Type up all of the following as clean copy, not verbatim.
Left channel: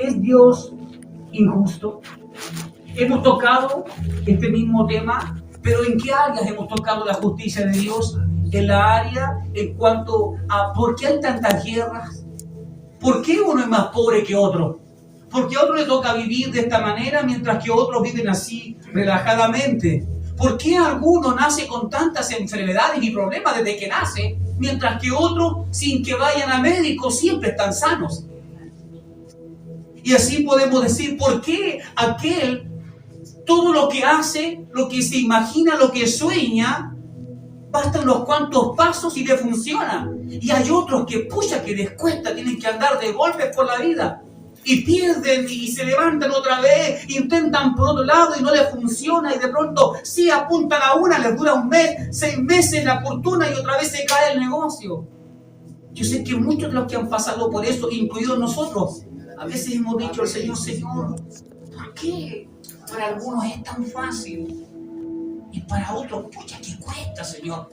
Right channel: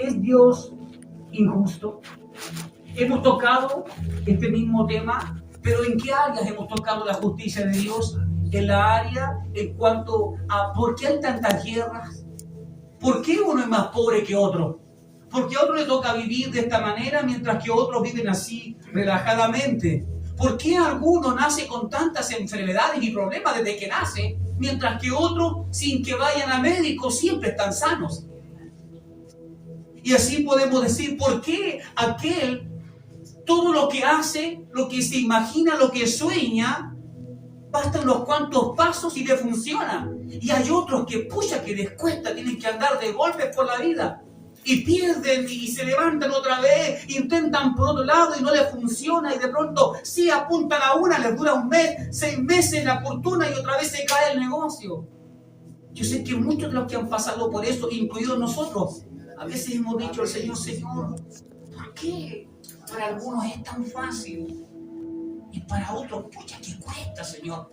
¿Es Dios injusto? Hemos tocado este mismo tema, pero ¿en qué áreas hemos tocado la justicia de Dios? En la área en cuanto a por qué hay tantas guerras, por qué uno es más pobre que otro, por qué a otro le toca vivir de esta manera mientras que otros viven así relajadamente, por qué alguno nace con tantas enfermedades y problemas desde que nace, mientras que otros, sin que vayan a médico, siempre están sanos. Y así podemos decir, ¿por qué aquel todo lo que hace, lo que se imagina, lo que sueña, bastan unos cuantos pasos y le funciona? Y hay otros que, pucha, que les cuesta, tienen que andar de golpes por la vida. Y pierden y se levantan otra vez, intentan por otro lado y no les funciona. Y de pronto, sí, apuntan a una, les dura un mes, 6 meses la fortuna y otra vez se cae el negocio. Yo sé que muchos de los que han pasado por eso, incluidos nosotros, a veces hemos dicho al Señor, Señor, ¿por qué para algunos es tan fácil y para otros, pucha, ¿qué cuesta, Señor?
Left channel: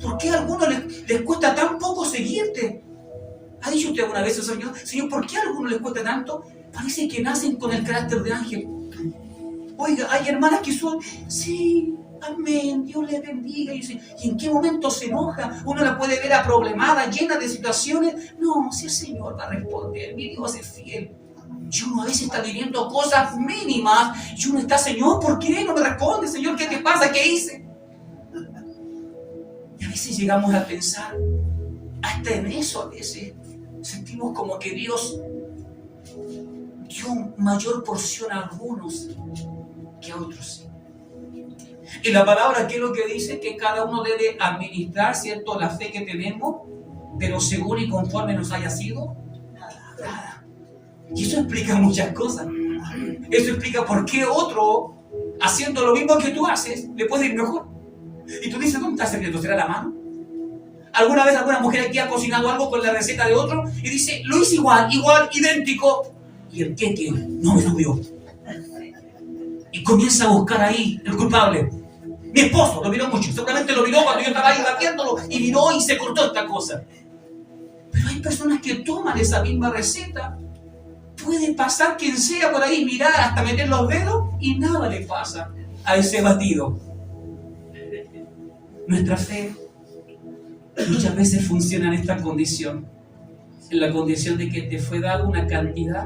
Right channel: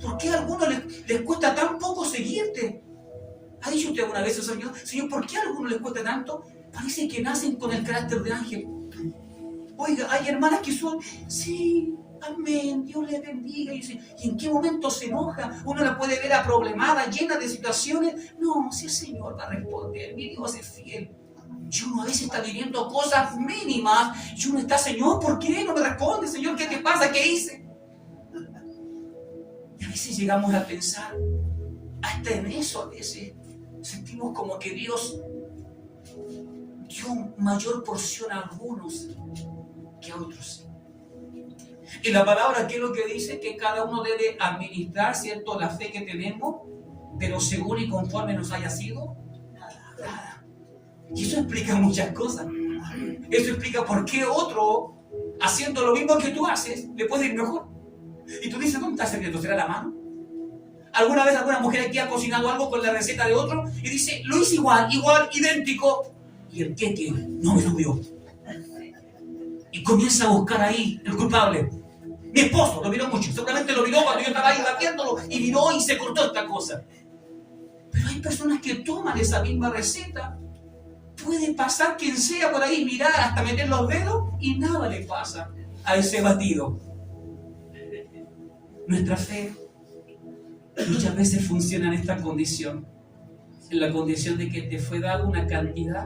¿Por qué a algunos les cuesta tan poco seguirte? ¿Ha dicho usted alguna vez, Señor, ¿por qué a algunos les cuesta tanto? Parece que nacen con el carácter de ángel. Oiga, hay hermanas que son, sí, amén, Dios les bendiga. Y en qué momento se enoja, uno la puede ver aproblemada, llena de situaciones. No, si el Señor va a responder, mi Dios es fiel. Y uno a veces está viviendo cosas mínimas y uno está, Señor, ¿por qué no me responde? Señor, ¿qué te pasa? ¿Qué hice? Y a veces llegamos a pensar, hasta en eso a veces sentimos como que Dios dio mayor porción a algunos que a otros. Y la palabra, ¿qué es lo que dice? Que cada uno debe administrar, ¿cierto?, la fe que tenemos, pero según y conforme nos haya sido dada. Y eso explica muchas cosas. Eso explica por qué otro, haciendo lo mismo que tú haces, le puede ir mejor. Y tú dices, ¿dónde está el secreto? ¿Será la mano? ¿Alguna vez alguna mujer aquí ha cocinado algo con la receta de otro y dice, lo hice igual, idéntico? ¿Y el qué tiene? No me subió. Y comienza a buscar ahí el culpable. Mi esposo lo miró mucho, seguramente lo miró cuando yo estaba ahí batiéndolo y miró y se cortó esta cosa. Pero hay personas que toman esa misma receta. Puede pasar quien sea por ahí, mirar hasta meter los dedos y nada le pasa a ese batido. Nuestra fe muchas veces funciona en esta condición, en la condición de que te fue dada una cantidad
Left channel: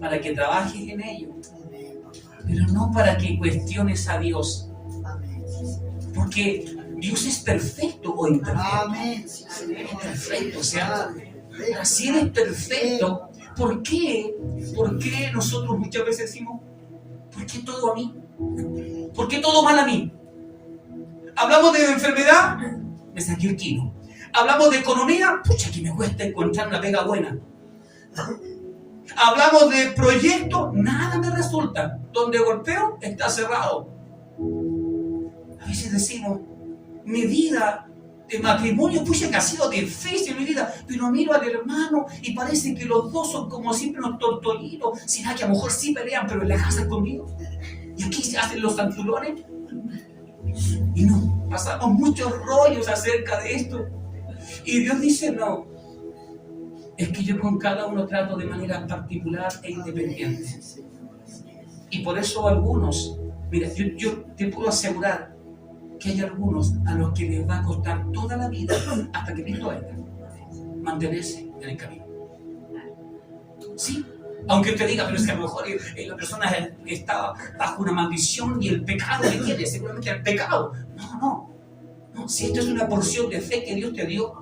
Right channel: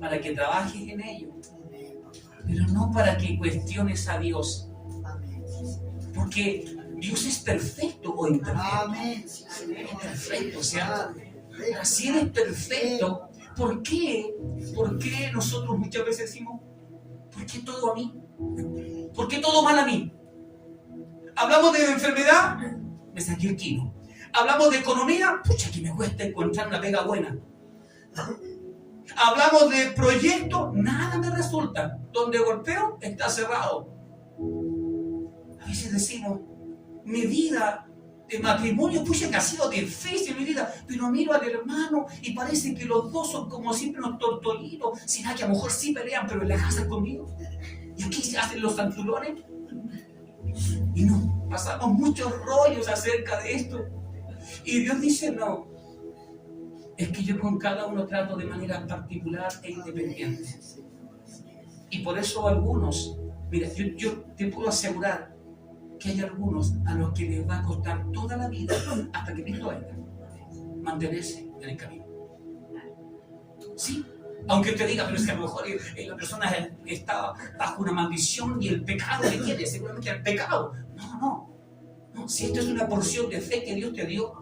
para que trabajes en ello, pero no para que cuestiones a Dios, porque Dios es perfecto o imperfecto. Es perfecto, o sea, así es perfecto. ¿Por qué nosotros muchas veces decimos, ¿por qué todo a mí? ¿Por qué todo mal a mí? Hablamos de enfermedad, me saqué el kilo. Hablamos de economía, pucha, que me cuesta encontrar una pega buena. Hablamos de proyectos, nada me resulta. Donde golpeo, está cerrado. A veces decimos, mi vida de matrimonio, pucha, que ha sido difícil mi vida, pero miro al hermano y parece que los dos son como siempre unos tortolitos. ¿Será que a lo mejor sí pelean, pero en la casa conmigo? Y aquí se hacen los santulones. Y nos pasamos muchos rollos acerca de esto. Y Dios dice, no, es que yo con cada uno trato de manera particular e independiente. Y por eso algunos, mira, yo te puedo asegurar que hay algunos a los que les va a costar toda la vida, hasta que Cristo venga, mantenerse en el camino. Sí, aunque te diga, pero es que a lo mejor la persona está bajo una maldición y el pecado que tiene, seguramente el pecado. No, si esto es una porción de fe que Dios te dio,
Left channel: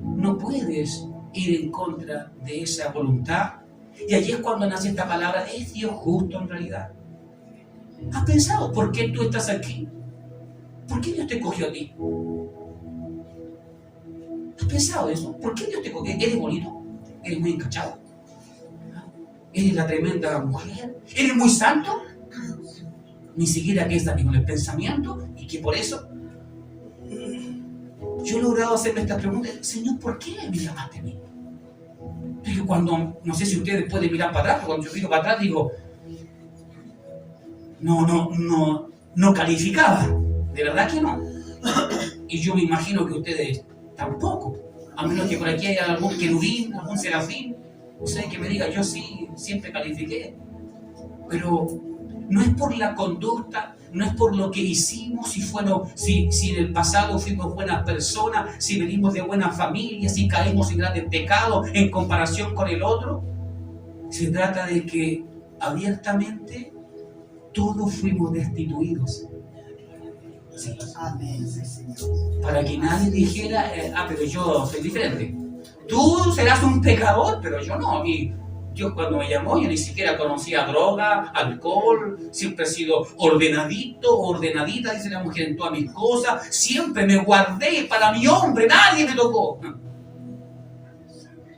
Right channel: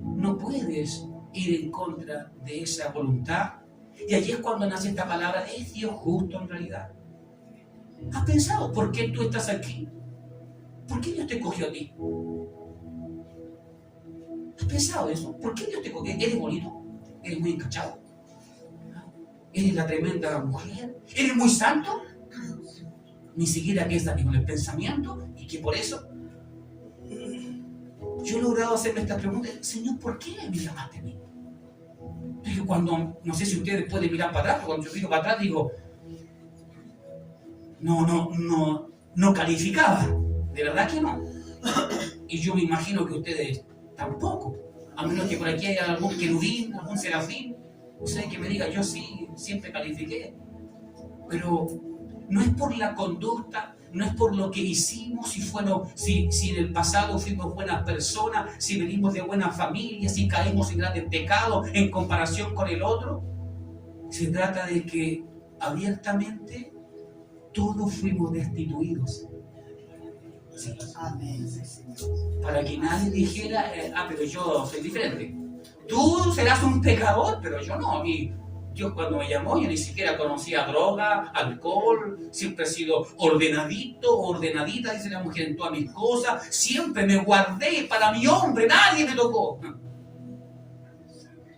no puedes ir en contra de esa voluntad. Y allí es cuando nace esta palabra, ¿es Dios justo en realidad? ¿Has pensado por qué tú estás aquí? ¿Por qué Dios te cogió a ti? ¿Has pensado eso? ¿Por qué Dios te cogió? ¿Eres bonito? ¿Eres muy encachado? ¿Eres la tremenda mujer? ¿Eres muy santo? Ni siquiera que está con el pensamiento y que por eso yo he logrado hacerme esta pregunta. Señor, ¿por qué me llamaste a mí? Pero cuando, no sé si ustedes pueden mirar para atrás, cuando yo miro para atrás digo, no calificaba, de verdad que no. Y yo me imagino que ustedes tampoco, a menos que por aquí haya algún querubín, algún serafín, O sea, que me diga, yo sí, siempre califiqué. Pero no es por la conducta, no es por lo que hicimos, si en el pasado fuimos buenas personas, si venimos de buena familia, si caemos en grandes pecados en comparación con el otro. Se trata de que abiertamente todos fuimos destituidos. Sí. Para que nadie dijera, pero yo soy diferente. Tú serás un pecador, pero yo no. A mí, Dios cuando me llamó, yo ni siquiera conocía droga, alcohol, siempre he sido ordenadito, ordenadita, dice la mujer, en todas mis cosas. Siempre me guardé para mi hombre, nadie me tocó.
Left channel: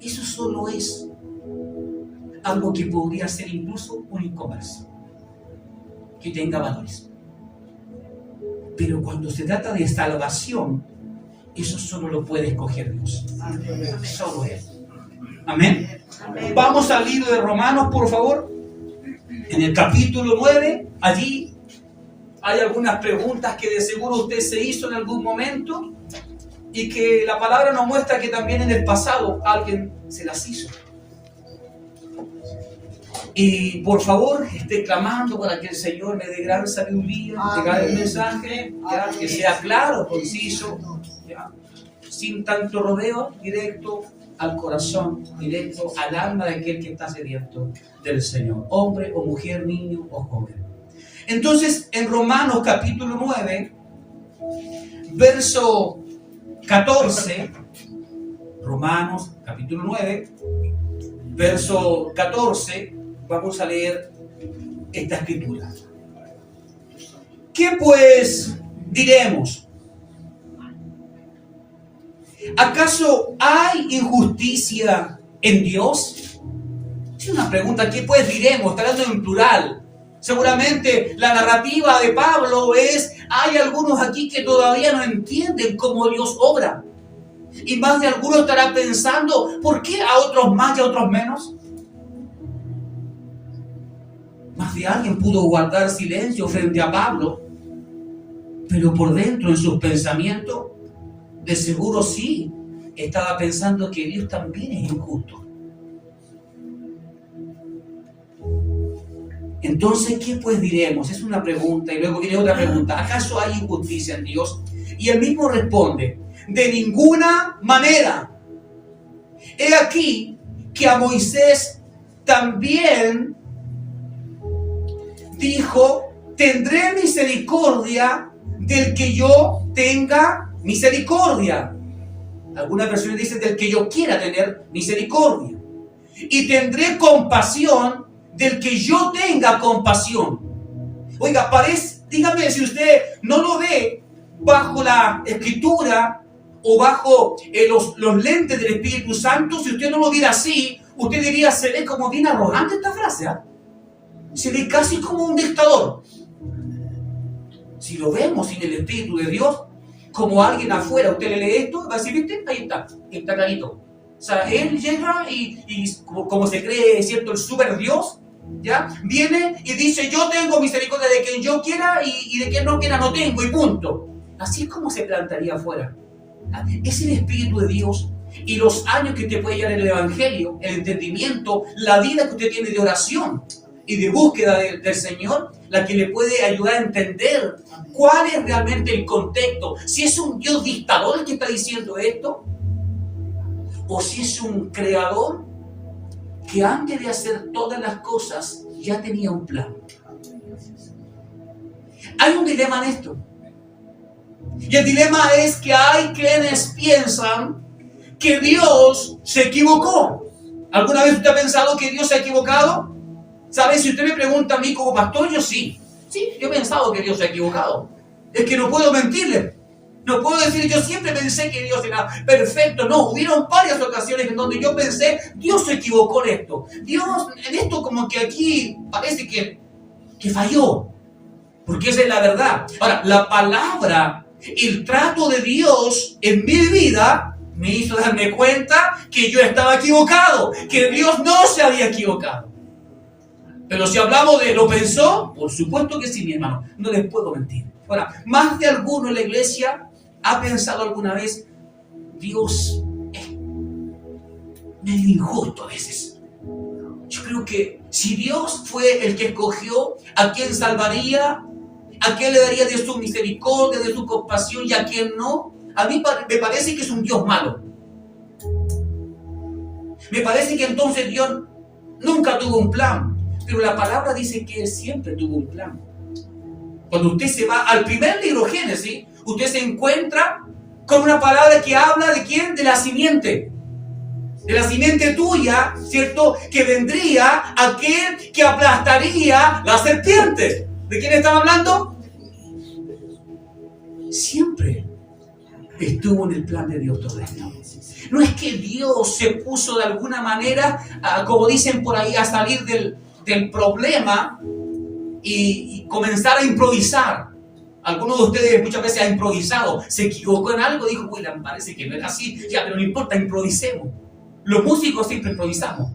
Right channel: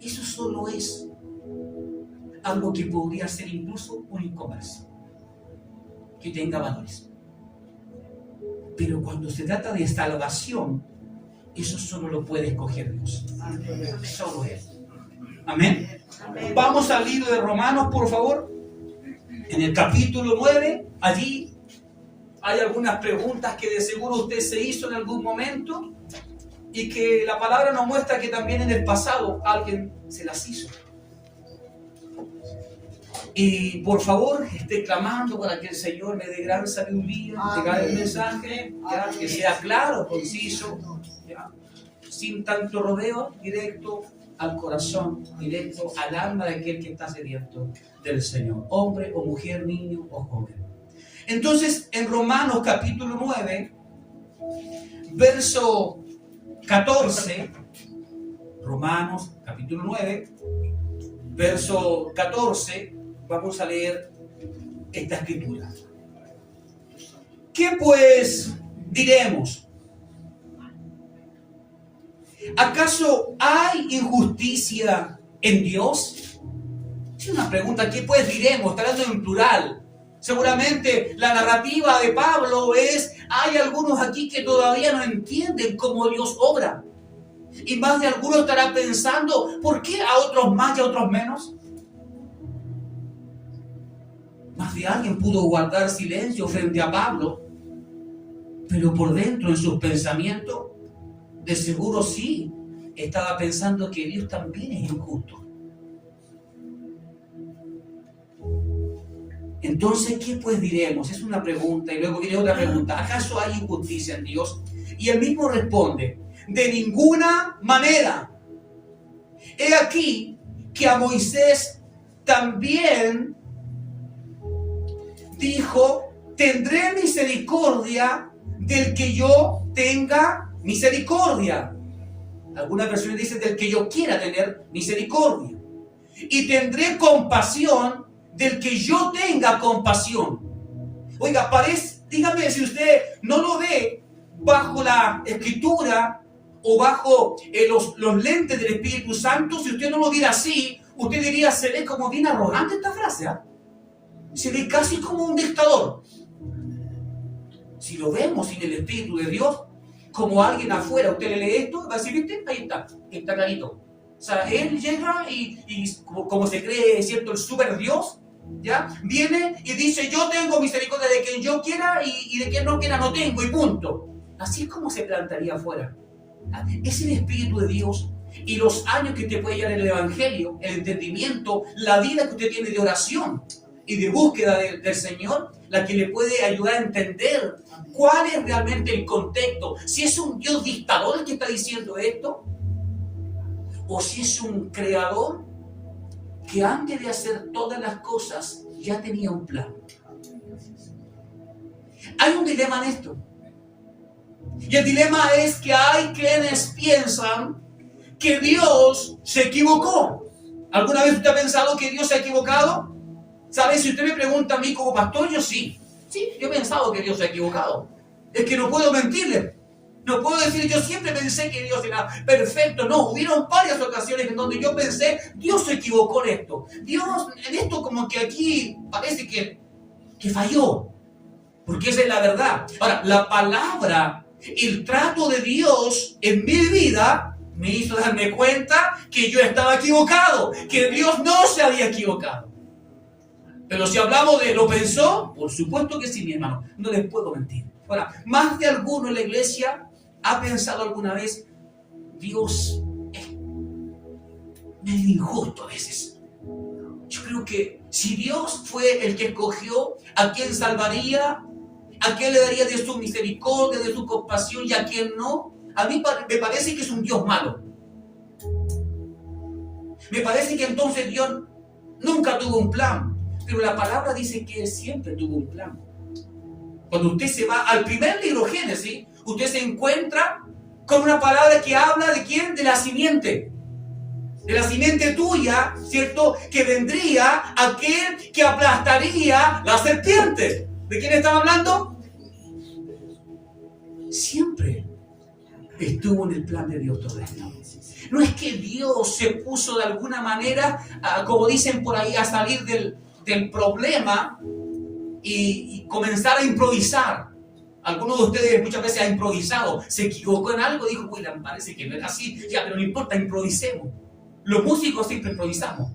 Eso solo es algo que podría ser incluso un e-commerce, que tenga valores. Pero cuando se trata de salvación, eso solo lo puede escoger Dios. Solo Él. Amén. Vamos al libro de Romanos, por favor. En el capítulo 9, allí hay algunas preguntas que de seguro usted se hizo en algún momento y que la palabra nos muestra que también en el pasado alguien se las hizo. Y por favor, esté clamando para que el Señor me dé gran sabiduría, llegar el mensaje, ¿ya? Que sea claro, conciso, ¿ya? Sin tanto rodeo, directo al corazón, directo al alma de aquel que está sediento del Señor, hombre o mujer, niño o joven. Entonces, en Romanos capítulo 9, verso 14, Romanos capítulo 9, verso 14, vamos a leer esta escritura. ¿Qué pues diremos? ¿Acaso hay injusticia en Dios? Es una pregunta. ¿Qué pues diremos? Está hablando en plural. Seguramente la narrativa de Pablo es, hay algunos aquí que todavía no entienden cómo Dios obra. Y más de alguno estará pensando, ¿por qué a otros más y a otros menos? Más de alguien pudo guardar silencio frente a Pablo, pero por dentro, en sus pensamientos, de seguro sí, estaba pensando que Dios también es injusto. Entonces, ¿qué pues diremos? Es una pregunta y luego viene otra pregunta. ¿Acaso hay injusticia en Dios? Y él mismo responde, de ninguna manera. He aquí que a Moisés también dijo, tendré misericordia del que yo tenga misericordia. Algunas versiones dicen del que yo quiera tener misericordia. Y tendré compasión del que yo tenga compasión. Oiga, dígame si usted no lo ve bajo la escritura o bajo los lentes del Espíritu Santo. Si usted no lo viera así, usted diría, se ve como bien arrogante esta frase, ¿eh? Se ve casi como un dictador. Si lo vemos sin el Espíritu de Dios, como alguien afuera, usted le lee esto, va a decir, ¿viste? Ahí está clarito. O sea, él llega y como se cree, ¿cierto?, el super Dios, ¿ya? Viene y dice, yo tengo misericordia de quien yo quiera y de quien no quiera no tengo, y punto. Así es como se plantaría afuera. Es el Espíritu de Dios y los años que te puede llevar el Evangelio, el entendimiento, la vida que usted tiene de oración y de búsqueda del Señor, la que le puede ayudar a entender cuál es realmente el contexto. Si es un Dios dictador el que está diciendo esto, o si es un creador que antes de hacer todas las cosas ya tenía un plan. Hay un dilema en esto. Y el dilema es que hay quienes piensan que Dios se equivocó. ¿Alguna vez usted ha pensado que Dios se ha equivocado? ¿Sabe? Si usted me pregunta a mí como pastor, yo sí. Sí, yo he pensado que Dios se ha equivocado. Es que no puedo mentirle. No puedo decir, yo siempre pensé que Dios era perfecto. No, hubieron varias ocasiones en donde yo pensé, Dios se equivocó en esto. Dios, en esto como que aquí parece que falló. Porque esa es la verdad. Ahora, la palabra, el trato de Dios en mi vida me hizo darme cuenta que yo estaba equivocado, que Dios no se había equivocado. Pero si hablamos de lo pensó, por supuesto que sí, mi hermano, no les puedo mentir. Ahora, más de alguno en la iglesia ha pensado alguna vez, Dios es medio injusto a veces. Yo creo que si Dios fue el que escogió a quien salvaría, a quien le daría de su misericordia, de su compasión y a quien no, a mí me parece que es un Dios malo. Me parece que entonces Dios nunca tuvo un plan, pero la palabra dice que Él siempre tuvo un plan. Cuando usted se va al primer libro, Génesis, usted se encuentra con una palabra que habla de quién, de la simiente tuya, ¿cierto? Que vendría aquel que aplastaría la serpiente. ¿De quién estaba hablando? Siempre estuvo en el plan de Dios todo esto. No es que Dios se puso de alguna manera, como dicen por ahí, a salir del problema y comenzar a improvisar. Algunos de ustedes muchas veces han improvisado, se equivocó en algo, dijo, uy, me parece que no era así, ya, pero no importa, improvisemos. Los músicos siempre improvisamos.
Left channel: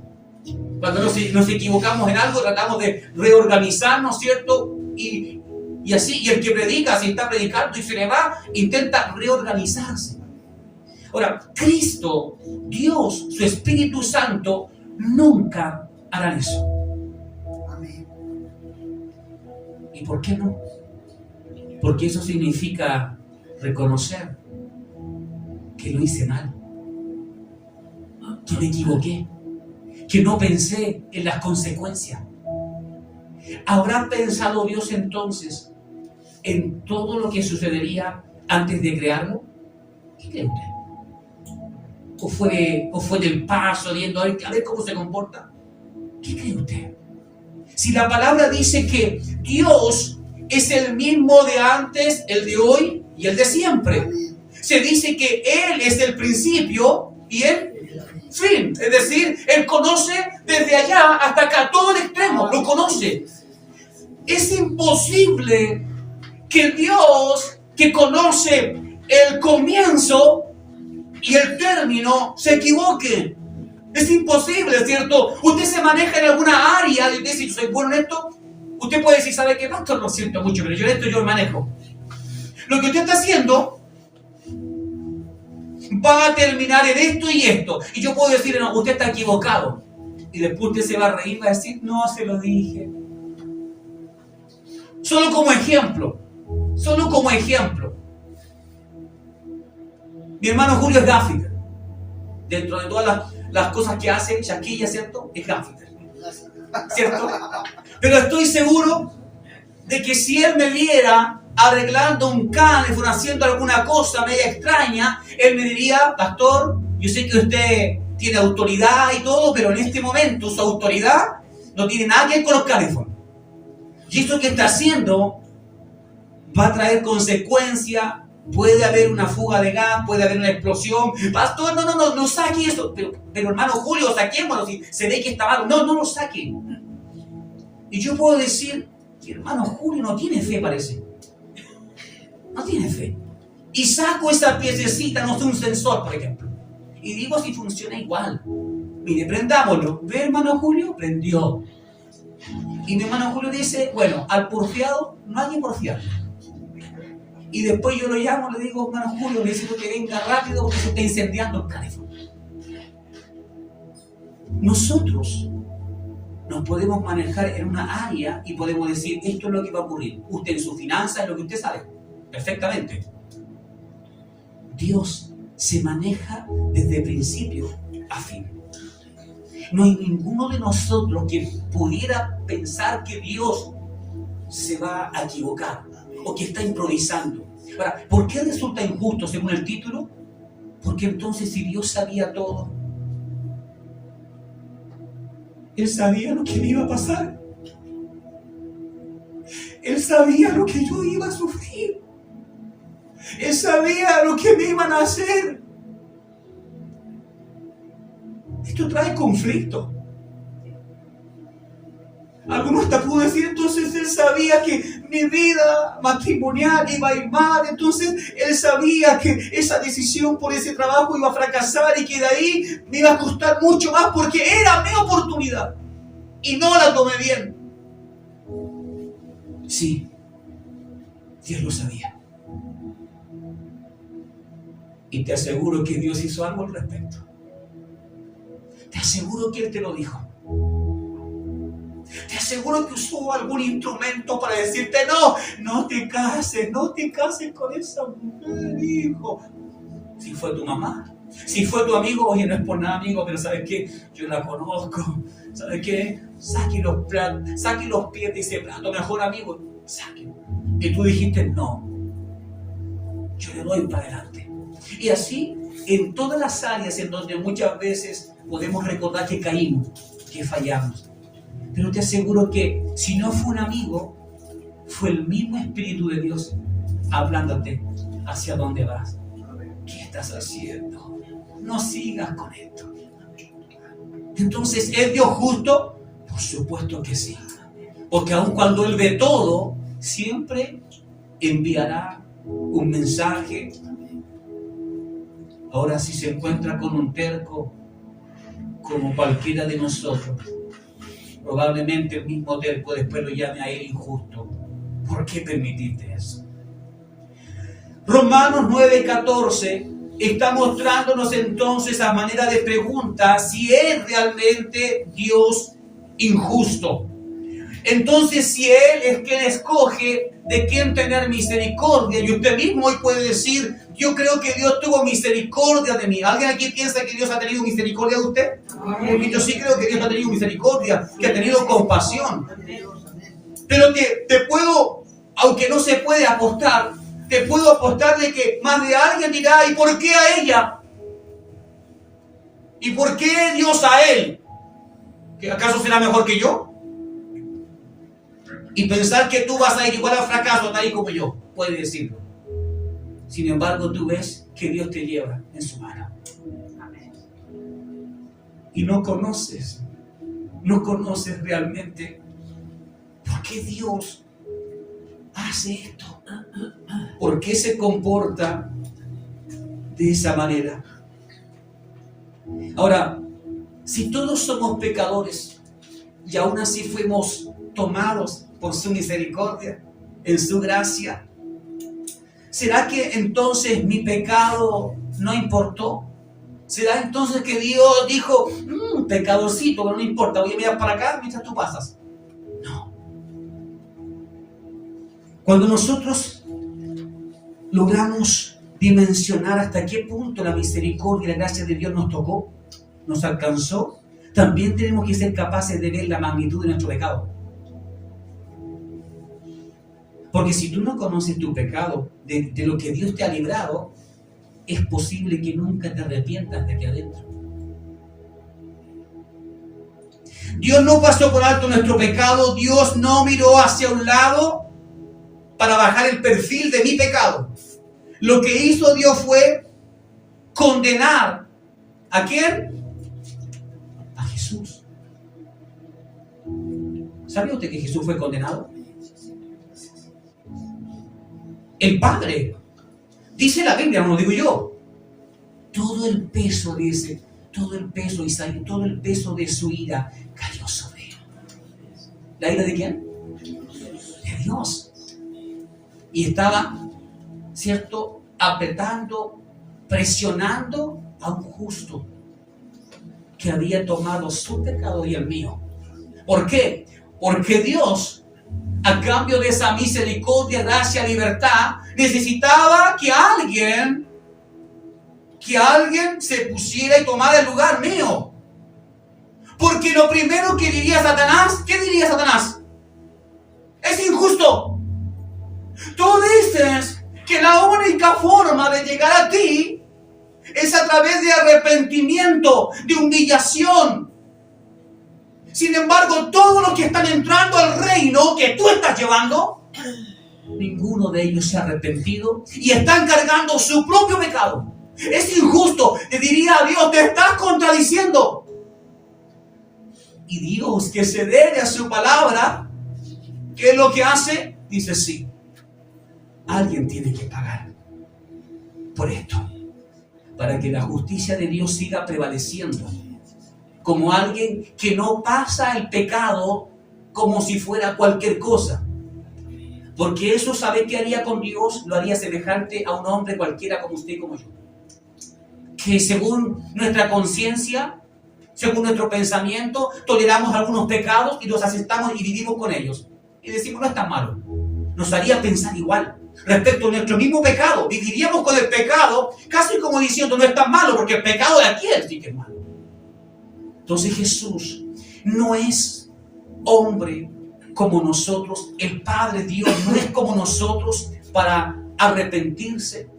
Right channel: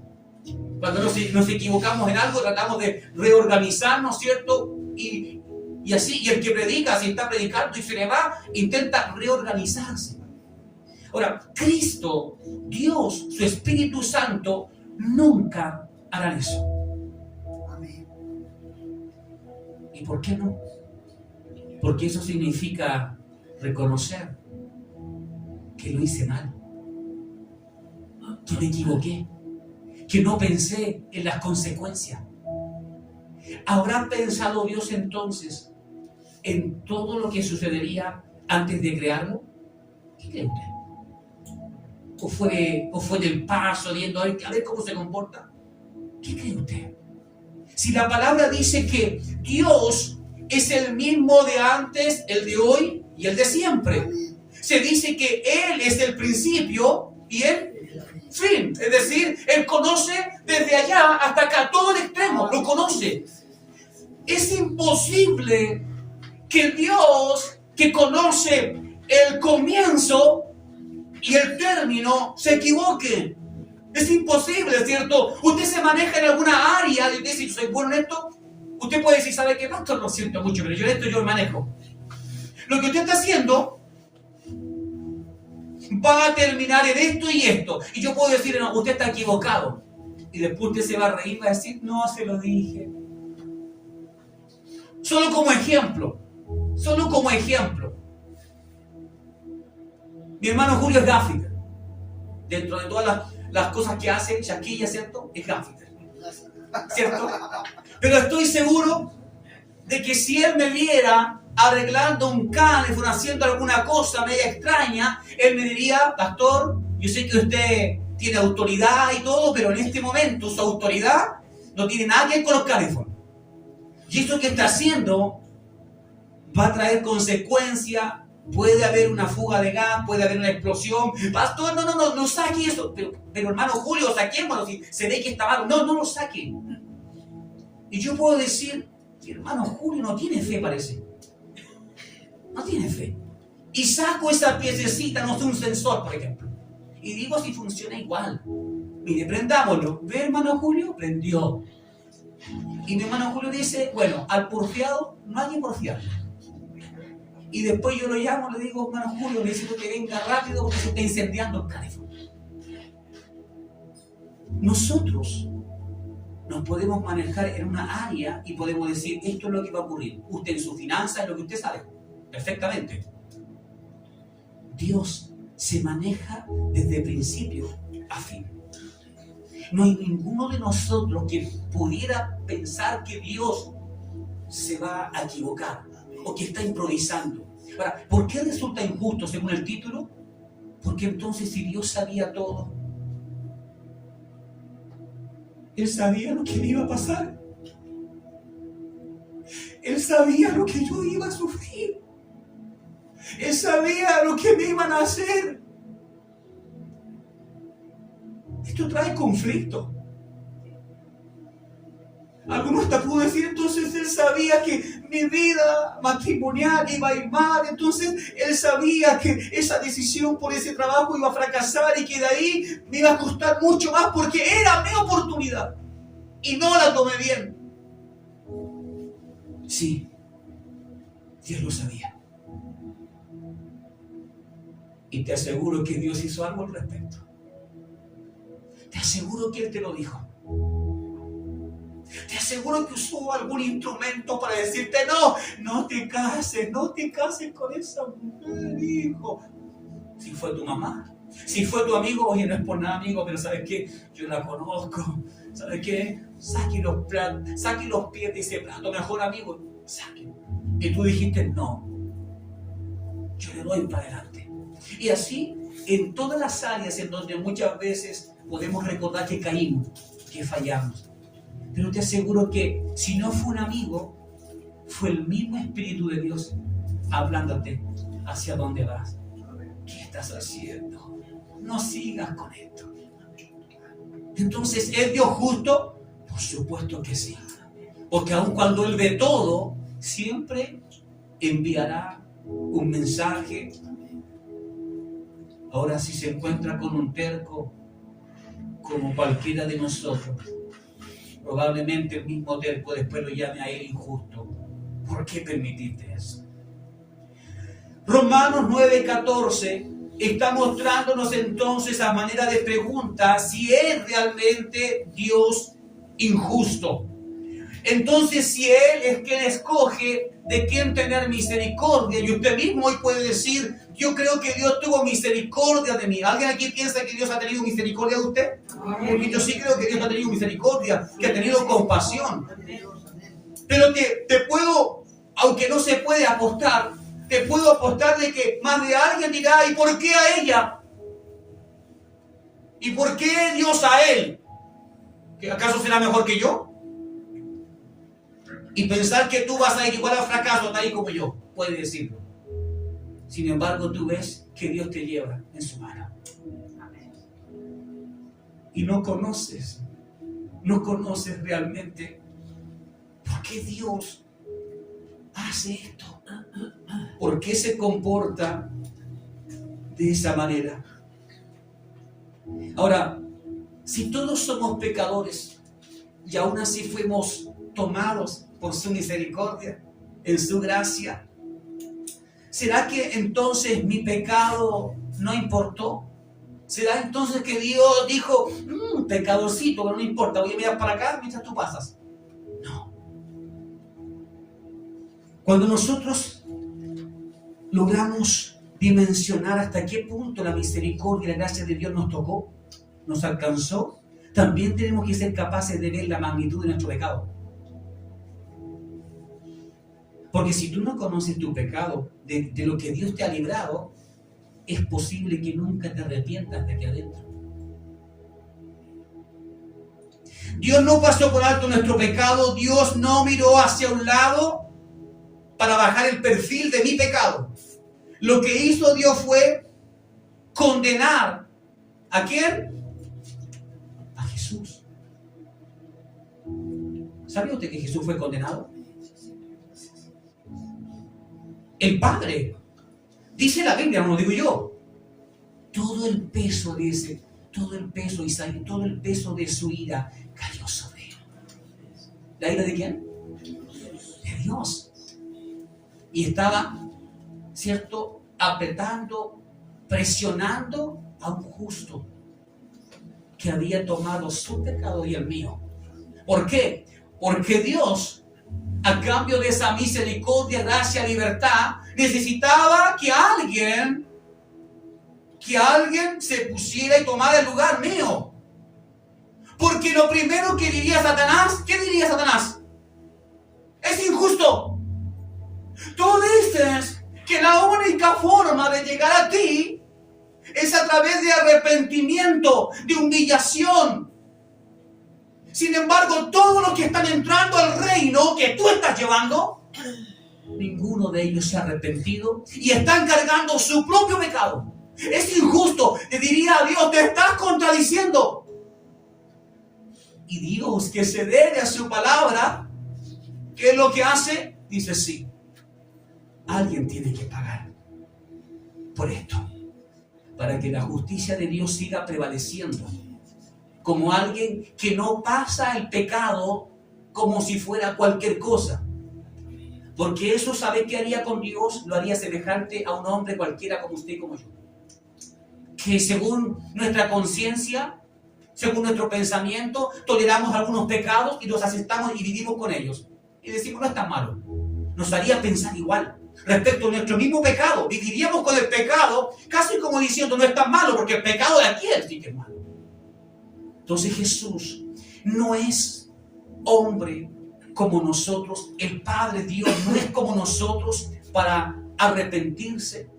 Cuando nos equivocamos en algo, tratamos de reorganizarnos, ¿cierto? Y así, y el que predica, si está predicando y se le va, intenta reorganizarse. Ahora, Cristo, Dios, su Espíritu Santo, nunca harán eso. Amén. ¿Y por qué no? Porque eso significa reconocer que lo hice mal, que me equivoqué, que no pensé en las consecuencias. ¿Habrá pensado Dios entonces en todo lo que sucedería antes de crearlo? ¿Qué cree usted? ¿O fue en el paso, viendo a ver cómo se comporta? ¿Qué cree usted? Si la palabra dice que Dios es el mismo de antes, el de hoy y el de siempre. Se dice que Él es el principio y el fin. Es decir, Él conoce desde allá hasta acá, todo el extremo, lo conoce. Es imposible que Dios, que conoce el comienzo y el término, se equivoque. Es imposible, ¿cierto? Usted se maneja en alguna área y usted dice, yo soy bueno en esto. Usted puede decir, ¿sabe qué? No, esto lo siento mucho, pero yo en esto yo me manejo. Lo que usted está haciendo va a terminar en esto y esto. Y yo puedo decir, no, usted está equivocado. Y después usted se va a reír y va a decir, no, se lo dije. Solo como ejemplo. Solo como ejemplo. Mi hermano Julio es gaffiter. Dentro de todas las cosas que hace, Shaquilla, ¿cierto? Es gaffiter. ¿Cierto? Pero estoy seguro de que si él me viera arreglando un teléfono, haciendo alguna cosa media extraña, él me diría, pastor, yo sé que usted tiene autoridad y todo, pero en este momento su autoridad no tiene nada que ver con los teléfonos. Y esto que está haciendo va a traer consecuencias. Puede haber una fuga de gas, puede haber una explosión. Pastor, no saque eso. Pero hermano Julio, saquémoslo. Si se ve que está malo. No lo saque. Y yo puedo decir, hermano Julio no tiene fe, parece. No tiene fe. Y saco esa piececita, no sé, un sensor, por ejemplo. Y digo si funciona igual. Mire, prendámoslo. ¿Ve, hermano Julio? Prendió. Y mi hermano Julio dice, bueno, al porfiado no hay que porfiar. Y después yo lo llamo, le digo, hermano Julio, necesito que venga rápido porque se está incendiando el teléfono. Nosotros nos podemos manejar en una área y podemos decir, esto es lo que va a ocurrir. Usted en su finanza es lo que usted sabe, perfectamente. Dios se maneja desde principio a fin. No hay ninguno de nosotros que pudiera pensar que Dios se va a equivocar o que está improvisando. Ahora, ¿por qué resulta injusto según el título? Porque entonces si Dios sabía todo, Él sabía lo que me iba a pasar. Él sabía lo que yo iba a sufrir. Él sabía lo que me iban a hacer. Esto trae conflicto. Algunos hasta pudo decir, entonces Él sabía que mi vida matrimonial iba a ir mal, entonces Él sabía que esa decisión por ese trabajo iba a fracasar y que de ahí me iba a costar mucho más porque era mi oportunidad y no la tomé bien. Sí, Dios lo sabía. Y te aseguro que Dios hizo algo al respecto. Te aseguro que Él te lo dijo. aseguro que usó algún instrumento para decirte, no te cases con esa mujer, hijo. Si fue tu mamá, si fue tu amigo, oye, no es por nada, amigo, pero ¿sabes qué? Yo la conozco. ¿Sabes qué? Saque los pies de ese plato, mejor amigo, saque. Y tú dijiste, no, yo le doy para adelante. Y así, en todas las áreas en donde muchas veces podemos recordar que caímos, que fallamos. Pero te aseguro que si no fue un amigo, fue el mismo Espíritu de Dios hablándote hacia dónde vas. ¿Qué estás haciendo? No sigas con esto. Entonces, ¿es Dios justo? Por supuesto que sí. Porque aun cuando Él ve todo, siempre enviará un mensaje. Ahora, si se encuentra con un terco, como cualquiera de nosotros, probablemente el mismo terco después lo llame a él injusto. ¿Por qué permitiste eso? Romanos 9:14 está mostrándonos entonces a manera de pregunta si es realmente Dios injusto. Entonces, si Él es quien escoge de quién tener misericordia, y usted mismo hoy puede decir, yo creo que Dios tuvo misericordia de mí. ¿Alguien aquí piensa que Dios ha tenido misericordia de usted? Porque yo sí creo que Dios ha tenido misericordia, que ha tenido compasión. Pero te puedo, aunque no se puede apostar, te puedo apostar de que más de alguien dirá, ¿y por qué a ella? ¿Y por qué Dios a él? ¿Que acaso será mejor que yo? Y pensar que tú vas a ir igual al fracaso, tal y como yo, puede decirlo. Sin embargo, tú ves que Dios te lleva en su mano. Y no conoces realmente por qué Dios hace esto. ¿Por qué se comporta de esa manera? Ahora, si todos somos pecadores y aún así fuimos tomados por su misericordia, en su gracia, ¿será que entonces mi pecado no importó? ¿Será entonces que Dios dijo, pecadorcito, pero no importa, voy a mirar para acá mientras tú pasas? No. Cuando nosotros logramos dimensionar hasta qué punto la misericordia y la gracia de Dios nos tocó, nos alcanzó, también tenemos que ser capaces de ver la magnitud de nuestro pecado. Porque si tú no conoces tu pecado, de lo que Dios te ha librado, es posible que nunca te arrepientas de aquí adentro. Dios no pasó por alto nuestro pecado, Dios no miró hacia un lado para bajar el perfil de mi pecado. Lo que hizo Dios fue condenar ¿a quién? A Jesús. ¿Sabía usted que Jesús fue condenado? El Padre, dice la Biblia, no lo digo yo, todo el peso de su ira cayó sobre él. ¿La ira de quién? De Dios. Y estaba, ¿cierto?, apretando, presionando a un justo que había tomado su pecado y el mío. ¿Por qué? Porque Dios, a cambio de esa misericordia, gracia, libertad, necesitaba que alguien se pusiera y tomara el lugar mío. Porque lo primero que diría Satanás, ¿qué diría Satanás? Es injusto. Tú dices que la única forma de llegar a ti es a través de arrepentimiento, de humillación. Sin embargo, todos los que están entrando al reino que tú estás llevando, ninguno de ellos se ha arrepentido y están cargando su propio pecado. Es injusto. Le diría a Dios, te estás contradiciendo. Y Dios, que se debe a su palabra, ¿qué es lo que hace? Dice, sí, alguien tiene que pagar por esto, para que la justicia de Dios siga prevaleciendo. Como alguien que no pasa el pecado como si fuera cualquier cosa. Porque eso, ¿sabe qué haría con Dios? Lo haría semejante a un hombre cualquiera como usted y como yo. Que según nuestra conciencia, según nuestro pensamiento, toleramos algunos pecados y los aceptamos y vivimos con ellos. Y decimos, no es tan malo. Nos haría pensar igual. Respecto a nuestro mismo pecado, viviríamos con el pecado casi como diciendo, no es tan malo, porque el pecado de aquel sí que es malo. Entonces Jesús no es hombre como nosotros, el Padre Dios no es como nosotros para arrepentirse,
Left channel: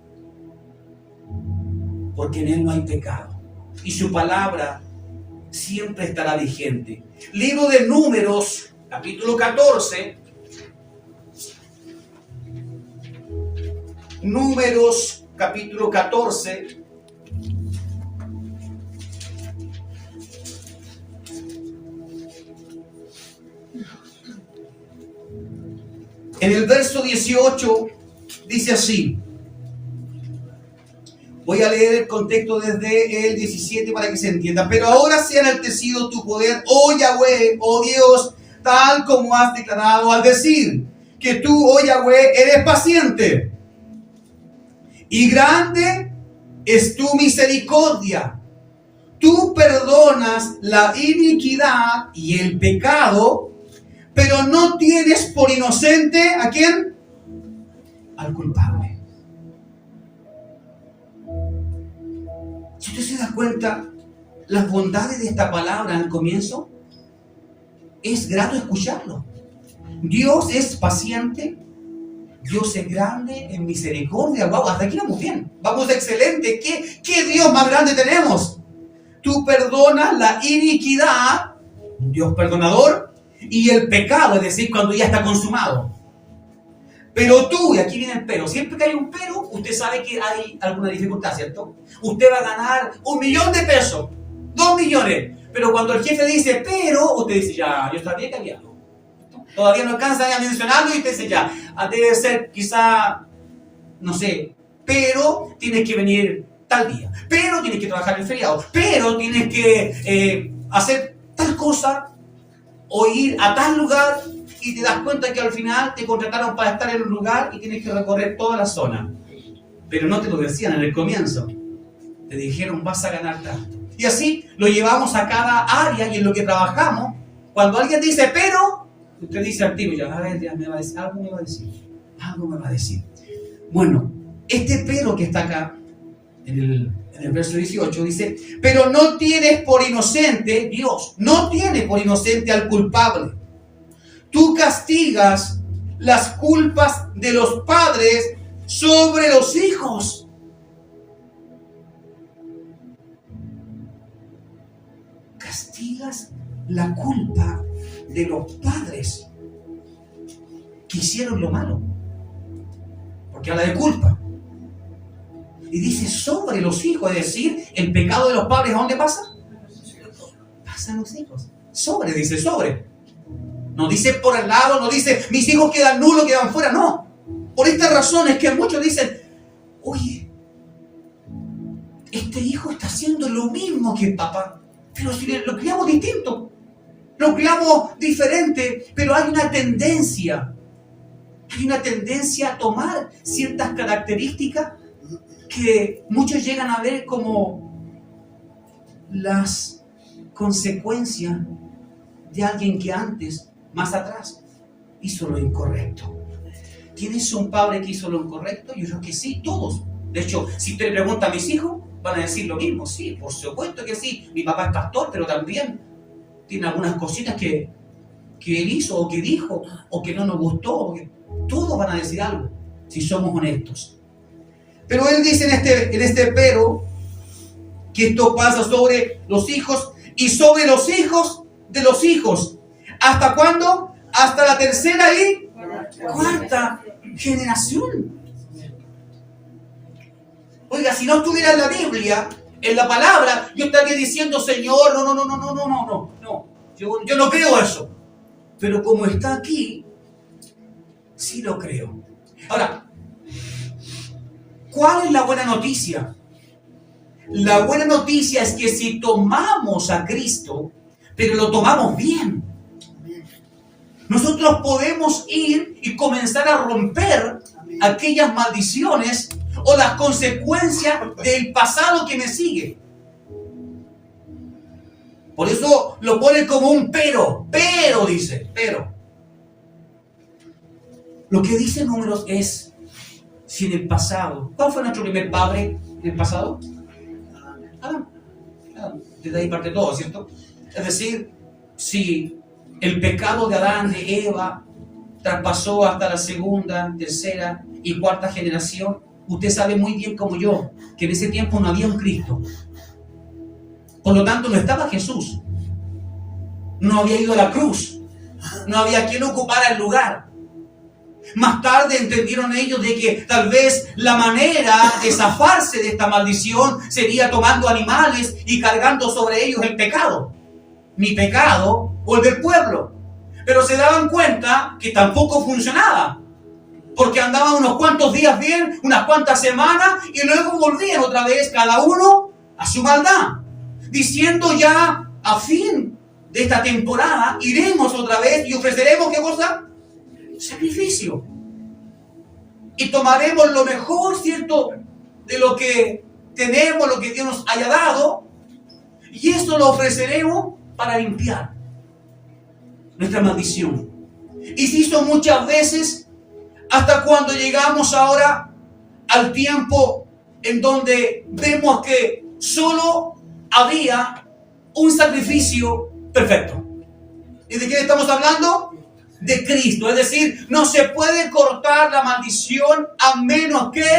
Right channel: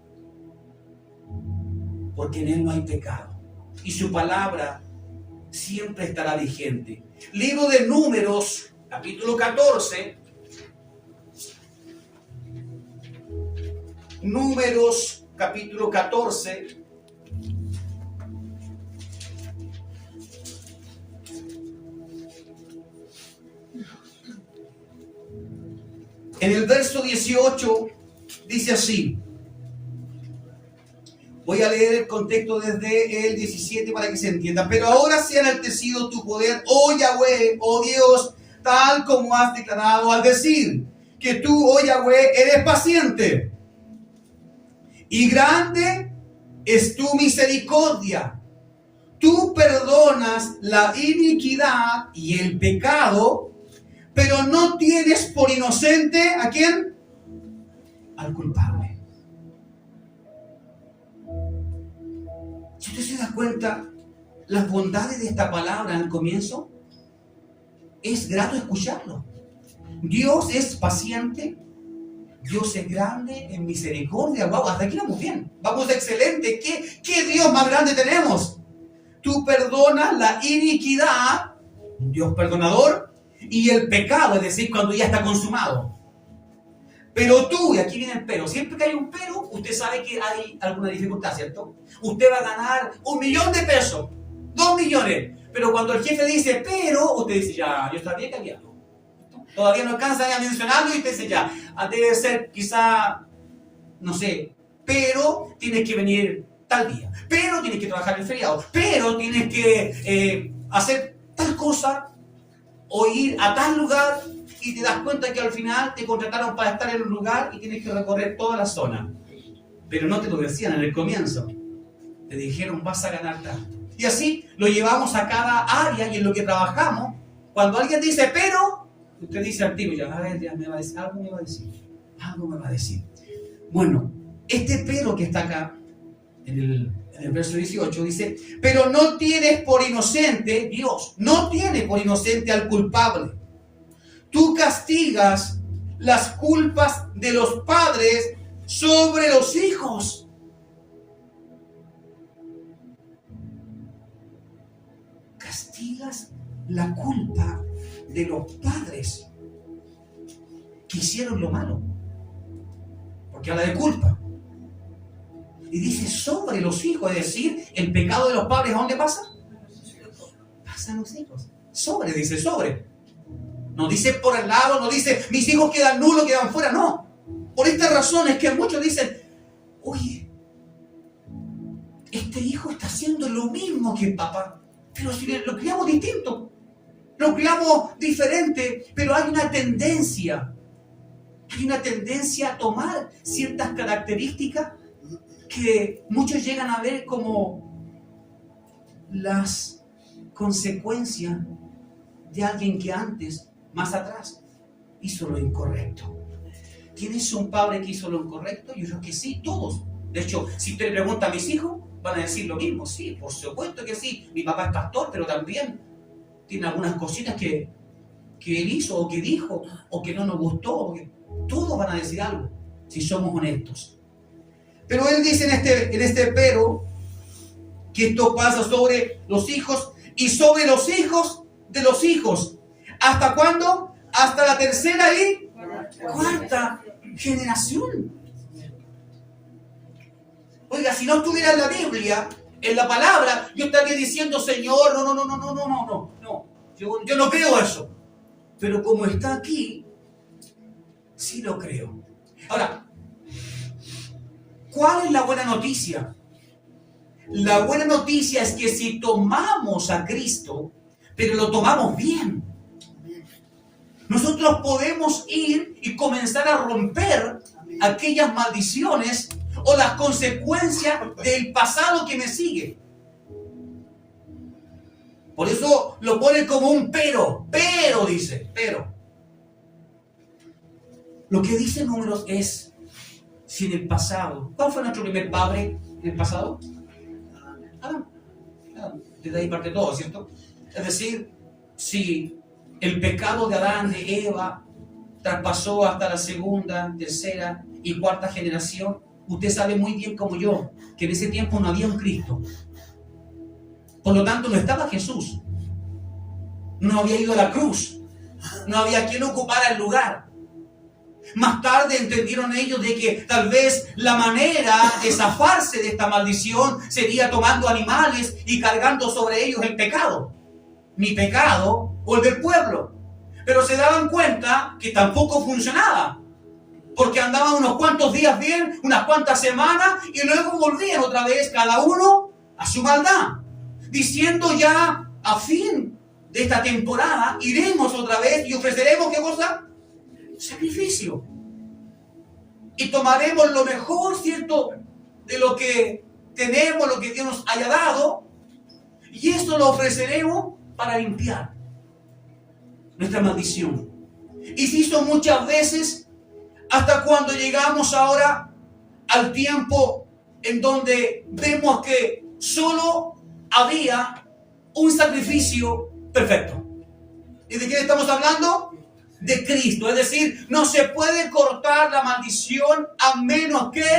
porque en Él no hay pecado y su palabra siempre estará vigente. Libro de Números, capítulo 14. Números, capítulo 14. En el verso 18 dice así. Voy a leer el contexto desde el 17 para que se entienda. Pero ahora sea enaltecido tu poder, oh Yahweh, oh Dios, tal como has declarado al decir que tú, oh Yahweh, eres paciente. Y grande es tu misericordia. Tú perdonas la iniquidad y el pecado, pero no tienes por inocente, ¿a quién? Al culpable. Si usted se da cuenta, las bondades de esta palabra al comienzo, es grato escucharlo. Dios es paciente, Dios es grande en misericordia. Wow, hasta aquí vamos bien, vamos excelente. ¿Qué Dios más grande tenemos? Tú perdonas la iniquidad, un Dios perdonador, y el pecado, es decir, cuando ya está consumado. Pero tú, y aquí viene el pero, siempre que hay un pero, usted sabe que hay alguna dificultad, ¿cierto? Usted va a ganar 1 millón de pesos, 2 millones, pero cuando el jefe dice pero, usted dice ya, yo sabía que había algo. Todavía no alcanza a mencionarlo y usted dice ya, debe ser quizá, no sé, pero tienes que venir tal día, pero tienes que trabajar en feriado, pero tienes que hacer tal cosa, o ir a tal lugar y te das cuenta que al final te contrataron para estar en un lugar y tienes que recorrer toda la zona. Pero no te lo decían en el comienzo. Te dijeron vas a ganar tanto. Y así lo llevamos a cada área y en lo que trabajamos. Cuando alguien dice pero, usted dice al tiro, ya, a ver, ya me va a decir, algo me va a decir. Algo me va a decir. Bueno, este pero que está acá, en el verso 18 dice, pero no tienes por inocente, Dios, no tiene por inocente al culpable. Tú castigas las culpas de los padres sobre los hijos. Castigas la culpa de los padres que hicieron lo malo. Porque habla de culpa. Y dice sobre los hijos, es decir, el pecado de los padres, ¿a dónde pasa? Pasa a los hijos. Sobre, dice sobre. No dice por el lado, no dice mis hijos quedan nulos, quedan fuera, no. Por esta razón es que muchos dicen, oye, este hijo está haciendo lo mismo que el papá, pero si lo criamos distinto, lo criamos diferente, pero hay una tendencia a tomar ciertas características que muchos llegan a ver como las consecuencias de alguien que antes, más atrás, hizo lo incorrecto. ¿Tienes un padre que hizo lo incorrecto? Yo creo que sí, todos. De hecho, si usted le pregunta a mis hijos, van a decir lo mismo. Sí, por supuesto que sí. Mi papá es pastor, pero también tiene algunas cositas que él hizo o que dijo o que no nos gustó. Todos van a decir algo, si somos honestos. Pero él dice en este pero que esto pasa sobre los hijos y sobre los hijos de los hijos. ¿Hasta cuándo? Hasta la tercera y cuarta generación. Oiga, si no estuviera en la Biblia, en la palabra, yo estaría diciendo, Señor, no. Yo no creo eso. Pero como está aquí, sí lo creo. Ahora, ¿cuál es la buena noticia? La buena noticia es que si tomamos a Cristo, pero lo tomamos bien, nosotros podemos ir y comenzar a romper aquellas maldiciones o las consecuencias del pasado que me sigue. Por eso lo pone como un pero dice, pero. Lo que dice Números es, si en el pasado, ¿cuál fue nuestro primer padre en el pasado? Adán. Desde ahí parte todo, ¿cierto? Es decir, si el pecado de Adán, de Eva, traspasó hasta la segunda, tercera y cuarta generación, usted sabe muy bien como yo, que en ese tiempo no había un Cristo. Por lo tanto, no estaba Jesús. No había ido a la cruz. No había quien ocupara el lugar. Más tarde entendieron ellos de que tal vez la manera de zafarse de esta maldición sería tomando animales y cargando sobre ellos el pecado. Mi pecado o el del pueblo. Pero se daban cuenta que tampoco funcionaba. Porque andaban unos cuantos días bien, unas cuantas semanas, y luego volvían otra vez cada uno a su maldad. Diciendo ya a fin de esta temporada, iremos otra vez y ofreceremos, ¿qué cosa? Sacrificio. Y tomaremos lo mejor, ¿cierto?, de lo que tenemos, lo que Dios nos haya dado, y eso lo ofreceremos para limpiar nuestra maldición. Y se hizo muchas veces, hasta cuando llegamos ahora al tiempo en donde vemos que solo había un sacrificio perfecto. ¿Y de quién estamos hablando? De Cristo. Es decir, no se puede cortar la maldición a menos que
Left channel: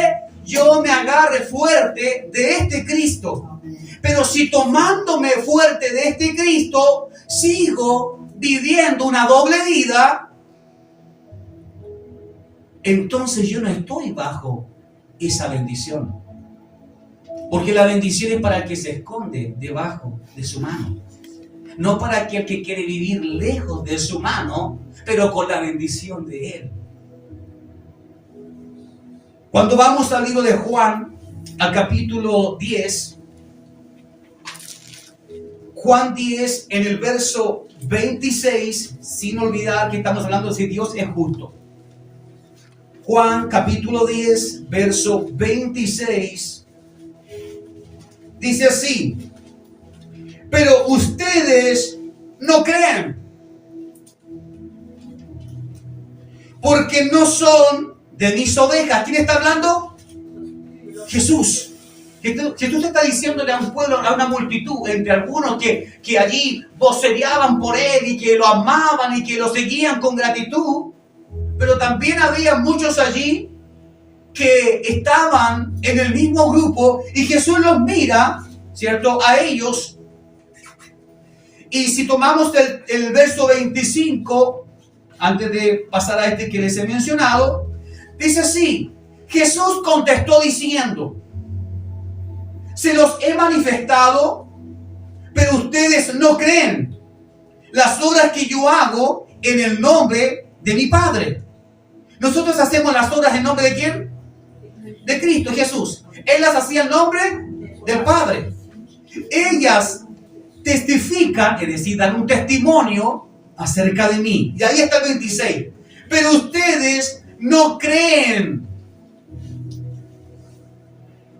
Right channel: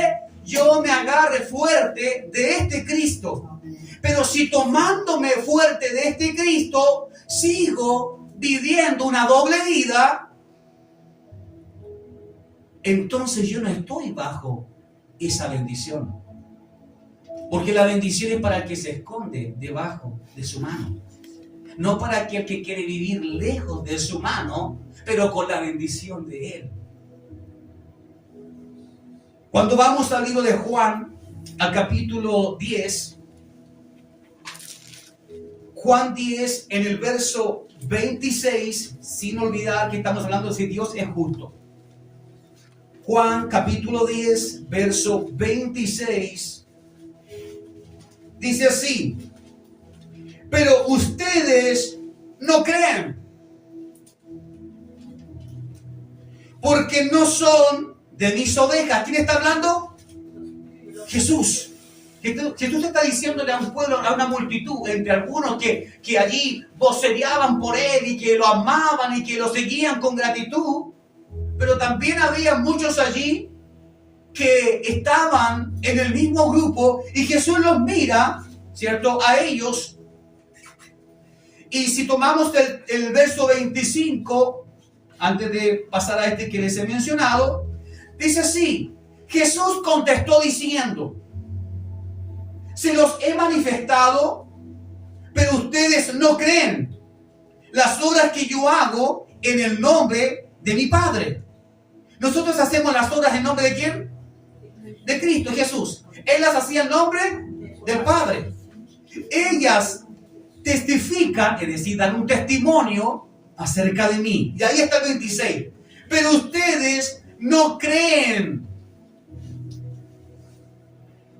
yo me agarre fuerte de este Cristo. Pero si tomándome fuerte de este Cristo, sigo viviendo una doble vida, entonces yo no estoy bajo esa bendición. Porque la bendición es para el que se esconde debajo de su mano. No para aquel que quiere vivir lejos de su mano, pero con la bendición de Él. Cuando vamos al libro de Juan, al capítulo 10, Juan 10, en el verso 26, sin olvidar que estamos hablando de si Dios es justo. Juan capítulo 10, verso 26, dice así: pero ustedes no creen, porque no son de mis ovejas. ¿Quién está hablando? Jesús. Jesús está diciéndole a un pueblo, a una multitud, entre algunos que allí vocereaban por Él y que lo amaban y que lo seguían con gratitud, pero también había muchos allí que estaban en el mismo grupo y Jesús los mira, ¿cierto?, a ellos. Y si tomamos el verso 25, antes de pasar a este que les he mencionado, dice así: Jesús contestó diciendo, se los he manifestado, pero ustedes no creen las obras que yo hago en el nombre de mi Padre. Nosotros hacemos las obras en nombre de ¿quién? De Cristo Jesús. Él las hacía en nombre del Padre. Ellas testifican, es decir, dan un testimonio acerca de mí. Y ahí está el 26. Pero ustedes no creen,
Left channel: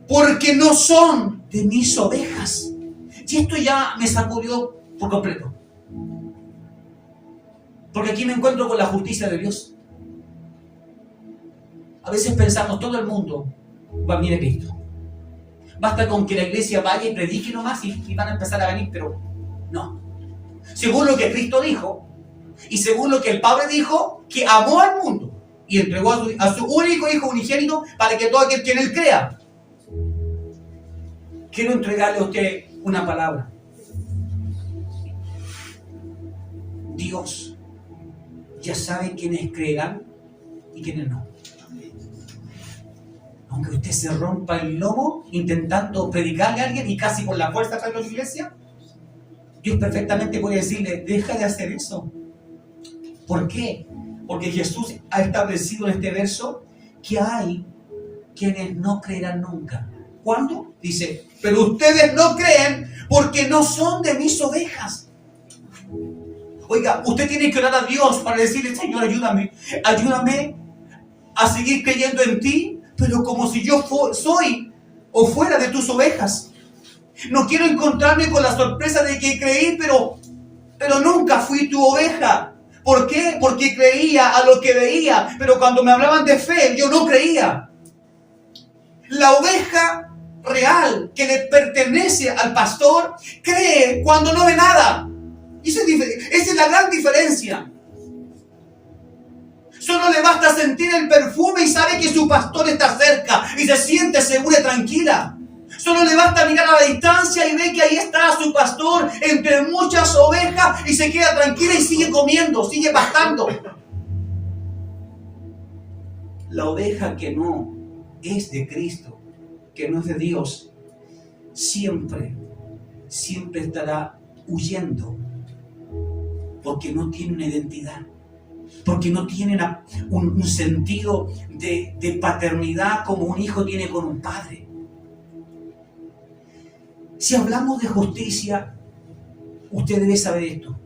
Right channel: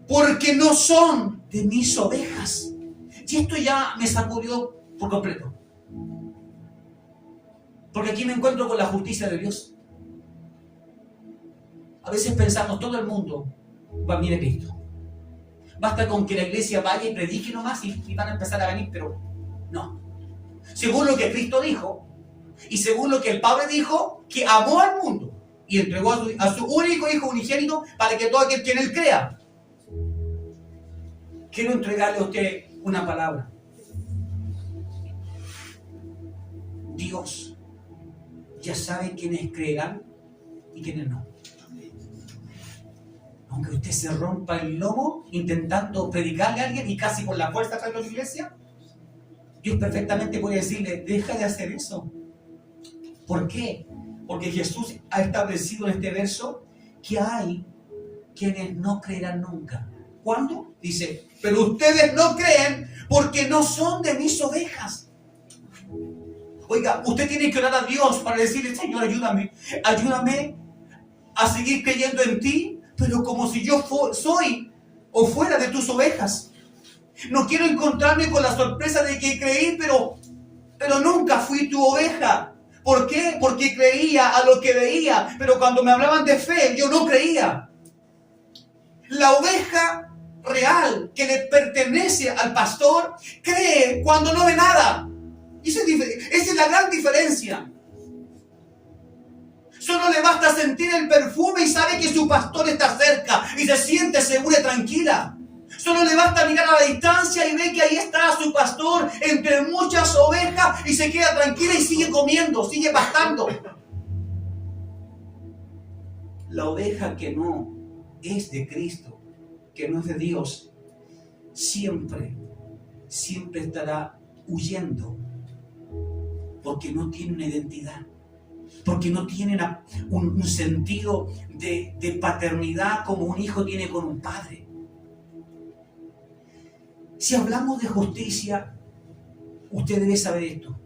porque no son de mis ovejas. Y esto ya me sacudió por completo. Porque aquí me encuentro con la justicia de Dios. A veces pensamos, todo el mundo va a venir a Cristo. Basta con que la iglesia vaya y predique nomás y van a empezar a venir, pero no. Según lo que Cristo dijo, y según lo que el Padre dijo, que amó al mundo y entregó a su único Hijo unigénito para que todo aquel que en Él crea. Quiero entregarle a usted una palabra. Dios ya sabe quiénes creerán y quiénes no. Aunque usted se rompa el lomo intentando predicarle a alguien y casi por la fuerza traerlo a la iglesia, Dios perfectamente puede decirle, deja de hacer eso. ¿Por qué? Porque Jesús ha establecido en este verso que hay quienes no creerán nunca. ¿Cuándo? Dice, pero ustedes no creen porque no son de mis ovejas. Oiga, usted tiene que orar a Dios para decirle, Señor, ayúdame a seguir creyendo en ti, pero como si yo soy o fuera de tus ovejas. No quiero encontrarme con la sorpresa de que creí, pero nunca fui tu oveja. ¿Por qué? Porque creía a lo que veía, pero cuando me hablaban de fe, yo no creía. La oveja real que le pertenece al pastor cree cuando no ve nada. Esa es la gran diferencia. Solo le basta sentir el perfume y sabe que su pastor está cerca y se siente segura y tranquila. Solo le basta mirar a la distancia y ve que ahí está su pastor entre muchas ovejas y se queda tranquila y sigue comiendo, sigue pastando. La oveja que no es de Cristo, que no es de Dios, siempre estará huyendo porque no tiene una identidad. Porque no tienen un sentido de paternidad como un hijo tiene con un padre. Si hablamos de justicia, usted debe saber esto.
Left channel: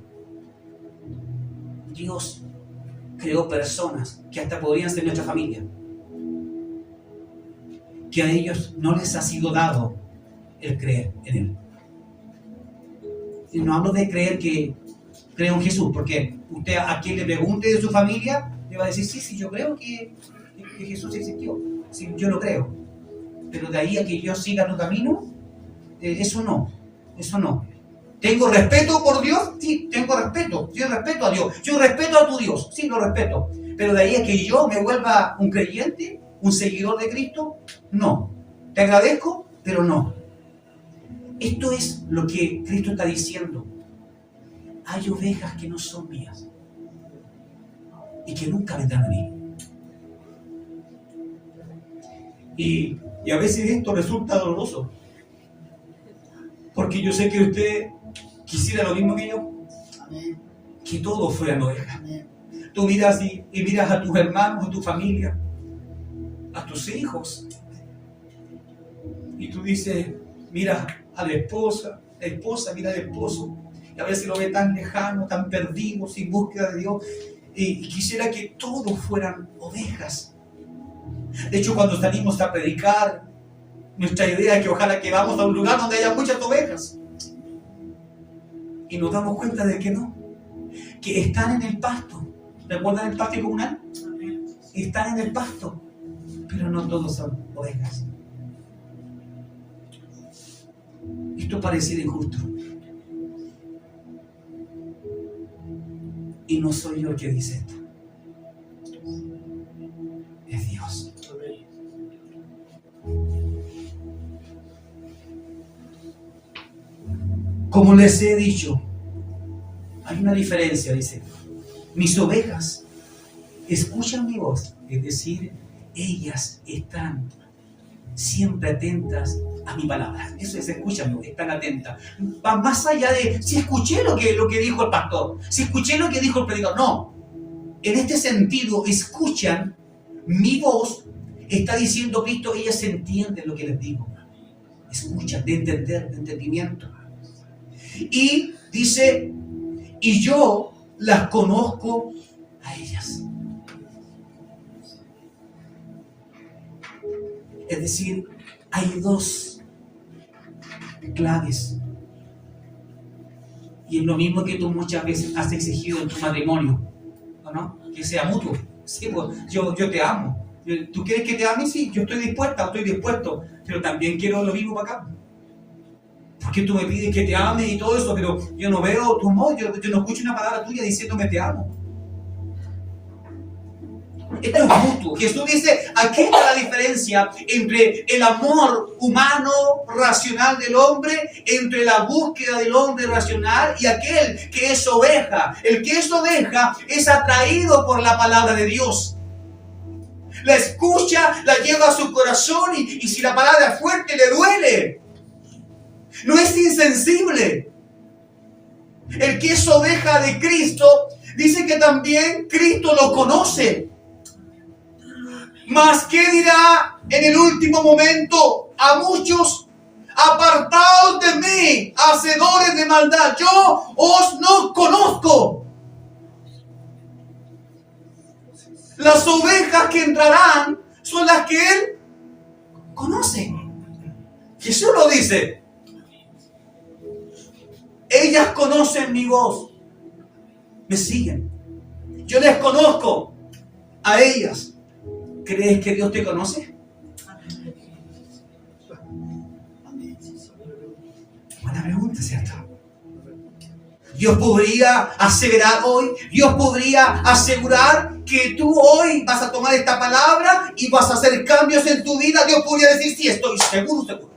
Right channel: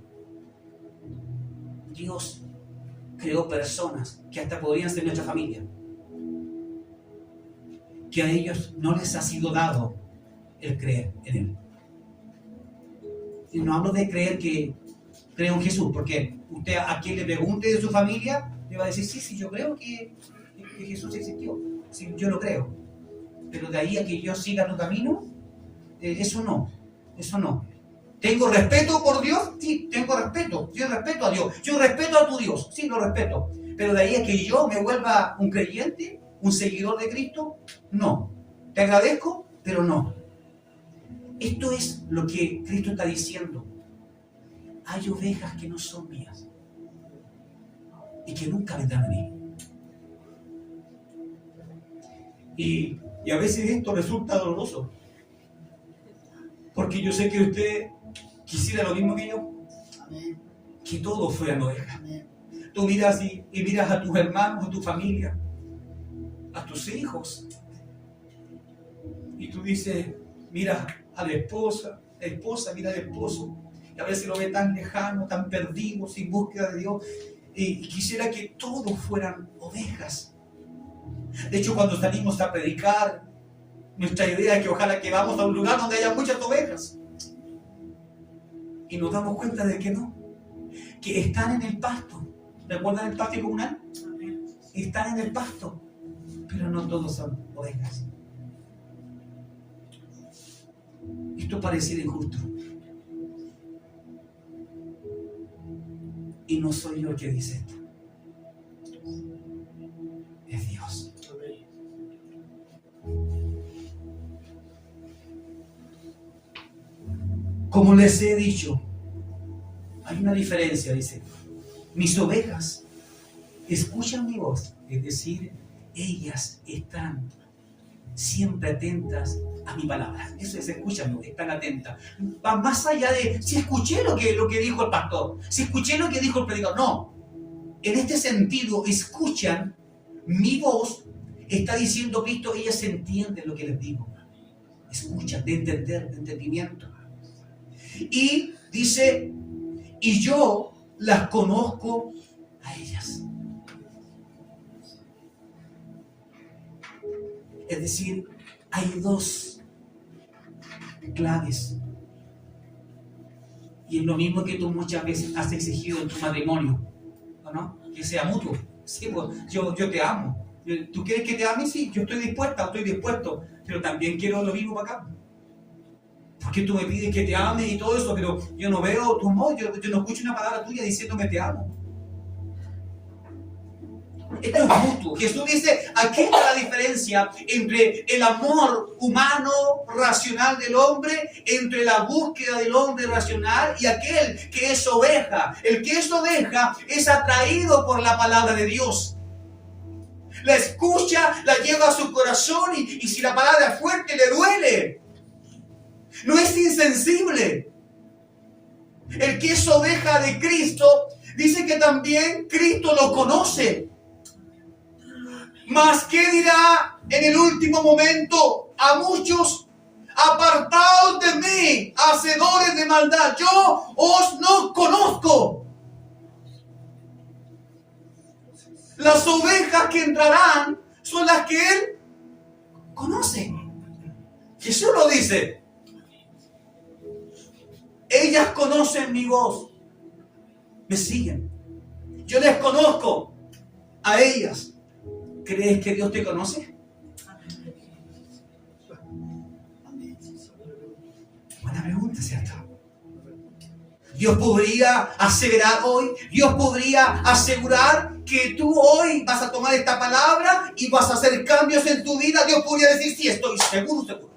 Dios creó personas que hasta podrían ser nuestra familia, que a ellos no les ha sido dado el creer en Él. Y no hablo de creer que creo en Jesús, porque usted a quien le pregunte de su familia, le va a decir, sí, yo creo que Jesús existió. Sí, yo lo creo. Pero de ahí a que yo siga tu camino, eso no. ¿Tengo respeto por Dios? Sí, tengo respeto. Yo respeto a Dios. Yo respeto a tu Dios. Sí, lo respeto. Pero de ahí a que yo me vuelva un creyente, un seguidor de Cristo, no. Te agradezco, pero no. Esto es lo que Cristo está diciendo. Hay ovejas que no son mías y que nunca vendrán a mí. Y a veces esto resulta doloroso, porque yo sé que usted quisiera lo mismo que yo, que todos fueran ovejas. Tú miras y miras a tus hermanos, a tu familia, a tus hijos, y tú dices, mira a la esposa mira al esposo, y a veces lo ve tan lejano, tan perdido, sin búsqueda de Dios, y quisiera que todos fueran ovejas. De hecho, cuando salimos a predicar, nuestra idea es que ojalá que vamos a un lugar donde haya muchas ovejas, y nos damos cuenta de que no, que están en el pasto. ¿Recuerdan el patio comunal? Están en el pasto, pero no todos son ovejas. Esto pareciera injusto. Y no soy yo el que dice esto. Es Dios. Como les he dicho, hay una diferencia, dice. Mis ovejas escuchan mi voz, es decir, ellas están siempre atentas a mi palabra. Eso es, escúchame, están atentas. Va más allá de si escuché lo que dijo el pastor, si escuché lo que dijo el predicador. No. En este sentido, escuchan mi voz. Está diciendo Cristo, ellas entienden lo que les digo. Escuchan, de entender, de entendimiento. Y dice, y yo las conozco a ellas. Es decir, hay dos claves. Y es lo mismo que tú muchas veces has exigido en tu matrimonio, ¿no? Que sea mutuo. Sí, pues, yo te amo. ¿Tú quieres que te ame? Sí, yo estoy dispuesto. Pero también quiero lo mismo para acá. Porque tú me pides que te ame y todo eso, pero yo no veo tu amor, yo no escucho una palabra tuya diciéndome te amo. Esto es mutuo. Jesús dice, aquí está la diferencia entre el amor humano, racional del hombre, entre la búsqueda del hombre racional y aquel que es oveja. El que es oveja es atraído por la palabra de Dios. La escucha, la lleva a su corazón y si la palabra es fuerte le duele. No es insensible. El que es oveja de Cristo dice que también Cristo lo conoce. Mas ¿qué dirá en el último momento a muchos? Apartaos de mí, hacedores de maldad, yo os no conozco. Las ovejas que entrarán son las que Él conoce. Jesús lo dice. Ellas conocen mi voz. Me siguen. Yo les conozco a ellas. ¿Crees que Dios te conoce? Buena pregunta, ¿cierto? Dios podría asegurar hoy, Dios podría asegurar que tú hoy vas a tomar esta palabra y vas a hacer cambios en tu vida. Dios podría decir, sí, estoy seguro.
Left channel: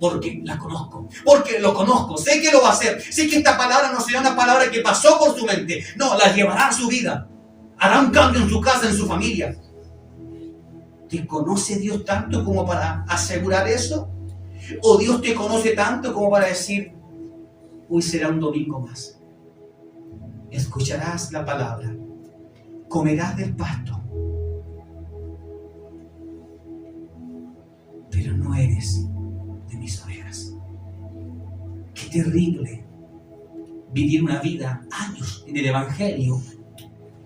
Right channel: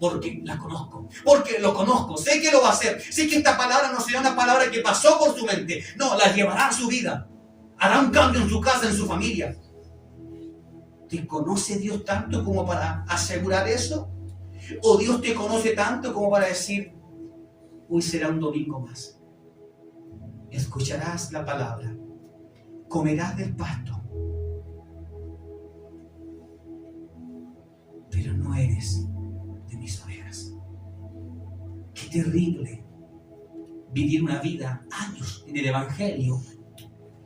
Porque la conozco, porque lo conozco, sé que lo va a hacer, sé que esta palabra no será una palabra que pasó por su mente, no, la llevará a su vida, hará un cambio en su casa, en su familia. ¿Te conoce Dios tanto como para asegurar eso? ¿O Dios te conoce tanto como para decir, hoy será un domingo más? Escucharás la palabra, comerás del pasto, pero no eres de mis ovejas. Qué terrible vivir una vida, años en el Evangelio,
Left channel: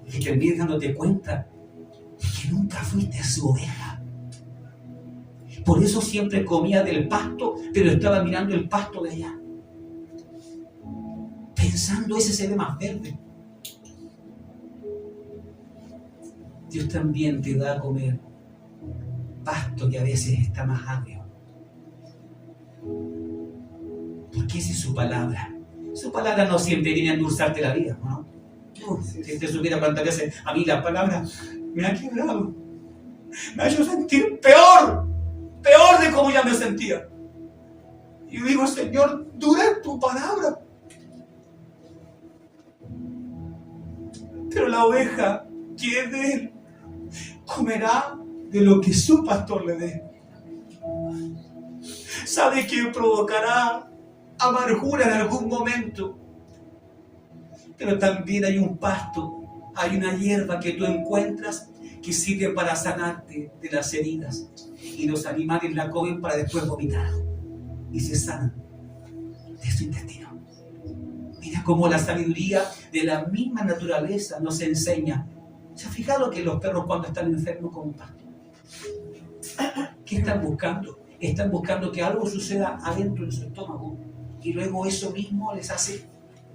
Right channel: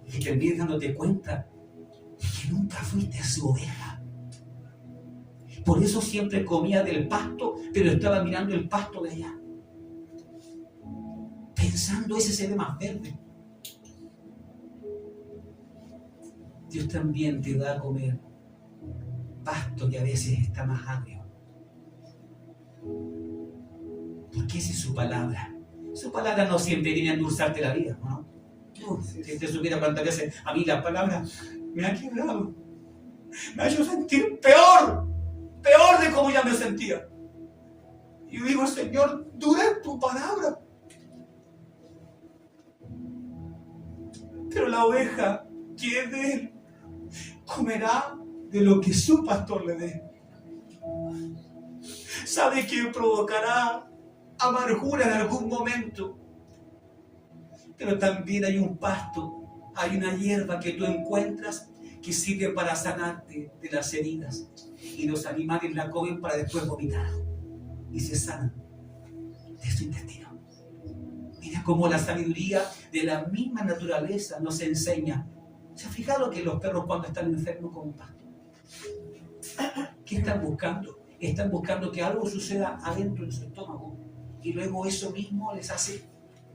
y terminas dándote cuenta de que nunca fuiste su oveja. Por eso siempre comía del pasto, pero estaba mirando el pasto de allá, pensando, ese se ve más verde. Dios también te da a comer pasto que a veces está más agrio. Porque esa es su palabra. Su palabra no siempre viene a endulzarte la vida, ¿no? Si te supiera cuántas veces a mí la palabra me ha quebrado, me ha hecho sentir peor de cómo ya me sentía. Y digo, Señor, dura es tu palabra. Pero la oveja que es de Él comerá de lo que su pastor le dé. Sabe que provocará amargura en algún momento, pero también hay un pasto, hay una hierba que tú encuentras que sirve para sanarte de las heridas, y los animales la comen para después vomitar y se sanan de su intestino. Mira cómo la sabiduría de la misma naturaleza nos enseña. ¿Se ha fijado que los perros cuando están enfermos comen pasto? ¿Qué están buscando? Están buscando que algo suceda adentro de su estómago, y luego eso mismo les hace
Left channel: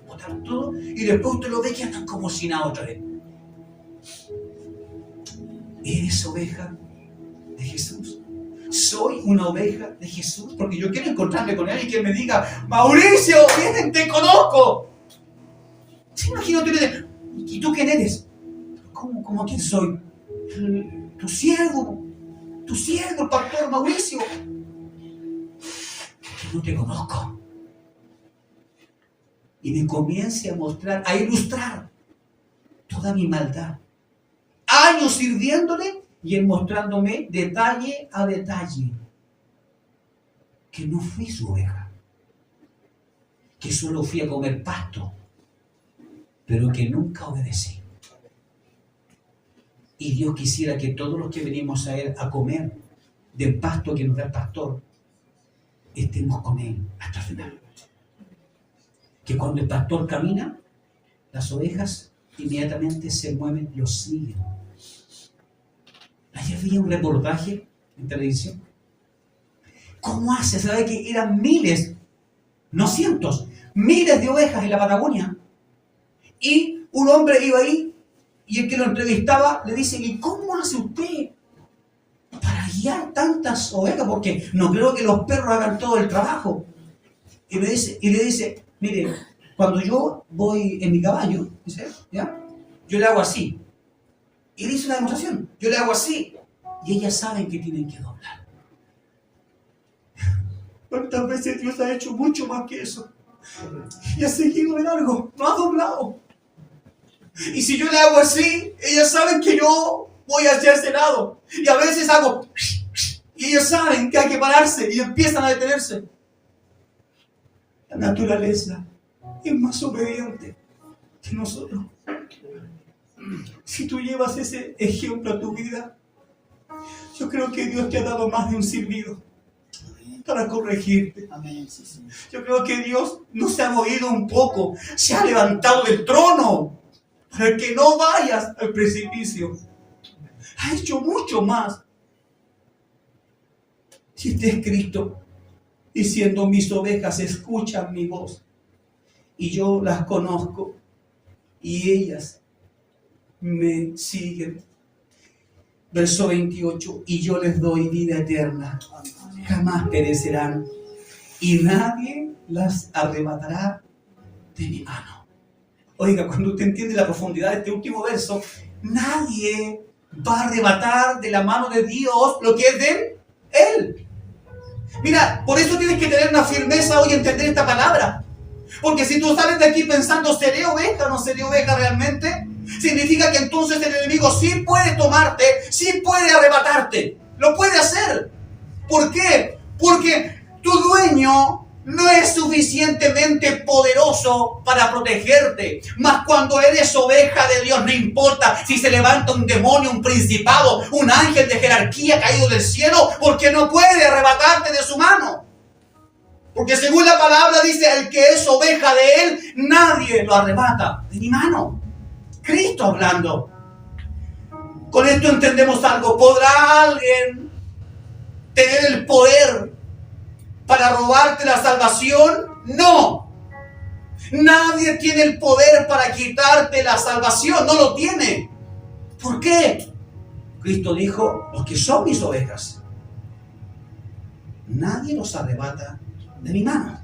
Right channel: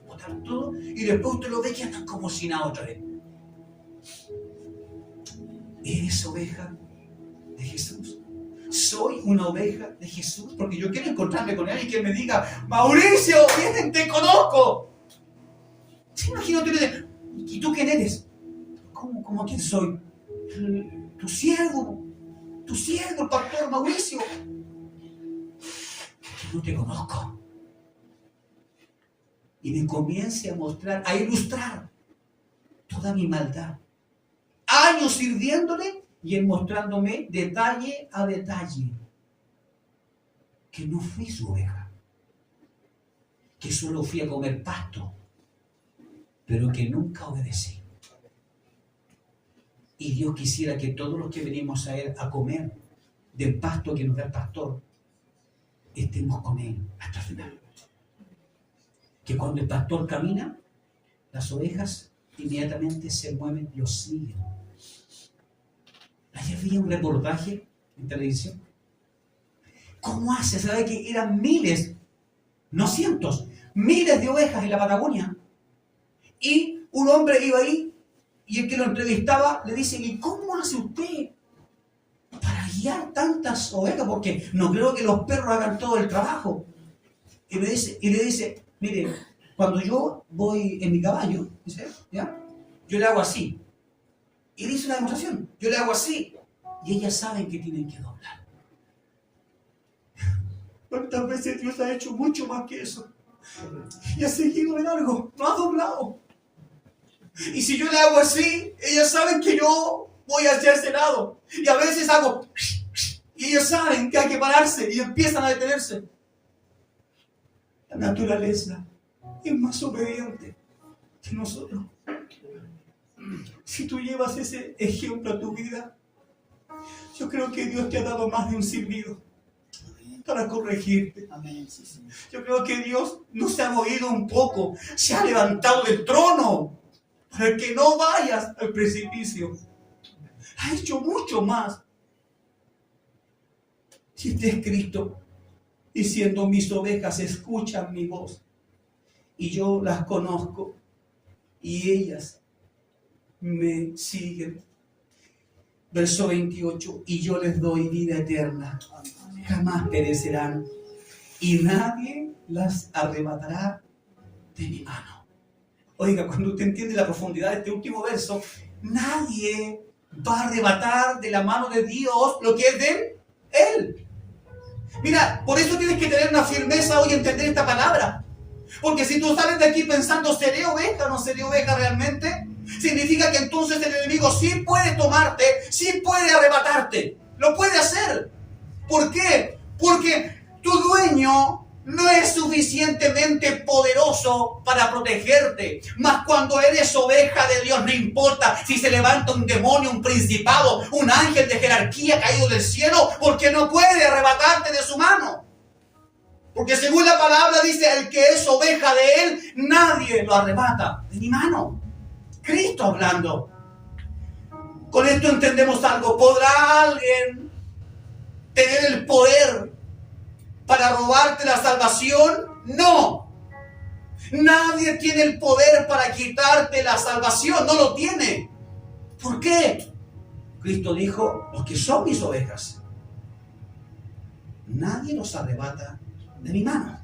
botar todo, y después usted lo ve que andan como si nada otra vez. ¿Eres oveja de Jesús? Soy una oveja de Jesús, porque yo quiero encontrarme con Él y que me diga, Mauricio, ven, te conozco. ¿Se imagina? ¿Y tú quién eres? ¿Cómo quién soy? Tu siervo, el pastor Mauricio. Que no te conozco. Y me comience a mostrar, a ilustrar toda mi maldad. Años sirviéndole y Él mostrándome detalle a detalle que no fui su oveja, que solo fui a comer pasto, pero que nunca obedecí. Y Dios quisiera que todos los que venimos a Él a comer del pasto que nos da el pastor, estemos con Él hasta el final. Que cuando el pastor camina, las ovejas inmediatamente se mueven, lo siguen. Ayer vi un reportaje en televisión. ¿Cómo hace? ¿Sabe que eran miles, no cientos, miles de ovejas en la Patagonia? Y un hombre iba ahí y el que lo entrevistaba le dice, ¿y cómo hace usted para guiar tantas ovejas? Porque no creo que los perros hagan todo el trabajo. Y le dice, mire, cuando yo voy en mi caballo, ¿sí? ¿Ya? Yo le hago así. Y dice una demostración, yo le hago así. Y ellas saben que tienen que doblar. ¿Cuántas veces Dios ha hecho mucho más que eso? Y ha seguido de largo, no ha doblado. Y si yo le hago así, ellas saben que yo voy hacia ese lado. Y a veces hago... Y ellas saben que hay que pararse y empiezan a detenerse. La naturaleza es más obediente que nosotros. Si tú llevas ese ejemplo a tu vida, yo creo que Dios te ha dado más de un silbido para corregirte. Yo creo que Dios no se ha movido un poco, se ha levantado del trono para que no vayas al precipicio. Ha hecho mucho más. Si este es Cristo, diciendo, mis ovejas escuchan mi voz y yo las conozco y ellas me siguen. Verso 28, y yo les doy vida eterna, jamás perecerán y nadie las arrebatará de mi mano. Oiga, cuando usted entiende la profundidad de este último verso, nadie va a arrebatar de la mano de Dios lo que es de Él. Mira, por eso tienes que tener una firmeza hoy y entender esta palabra. Porque si tú sales de aquí pensando, ¿seré oveja o no seré oveja realmente? Significa que entonces el enemigo sí puede tomarte, sí puede arrebatarte. Lo puede hacer. ¿Por qué? Porque tu dueño no es suficientemente poderoso para protegerte. Mas cuando eres oveja de Dios, no importa si se levanta un demonio, un principado, un ángel de jerarquía caído del cielo, porque no puede arrebatarte de su mano. Porque según la palabra dice, el que es oveja de Él, nadie lo arrebata de mi mano. Cristo hablando. Con esto entendemos algo. ¿Podrá alguien tener el poder para robarte la salvación? No. Nadie tiene el poder para quitarte la salvación. No lo tiene. ¿Por qué? Cristo dijo, los que son mis ovejas, nadie los arrebata de mi mano.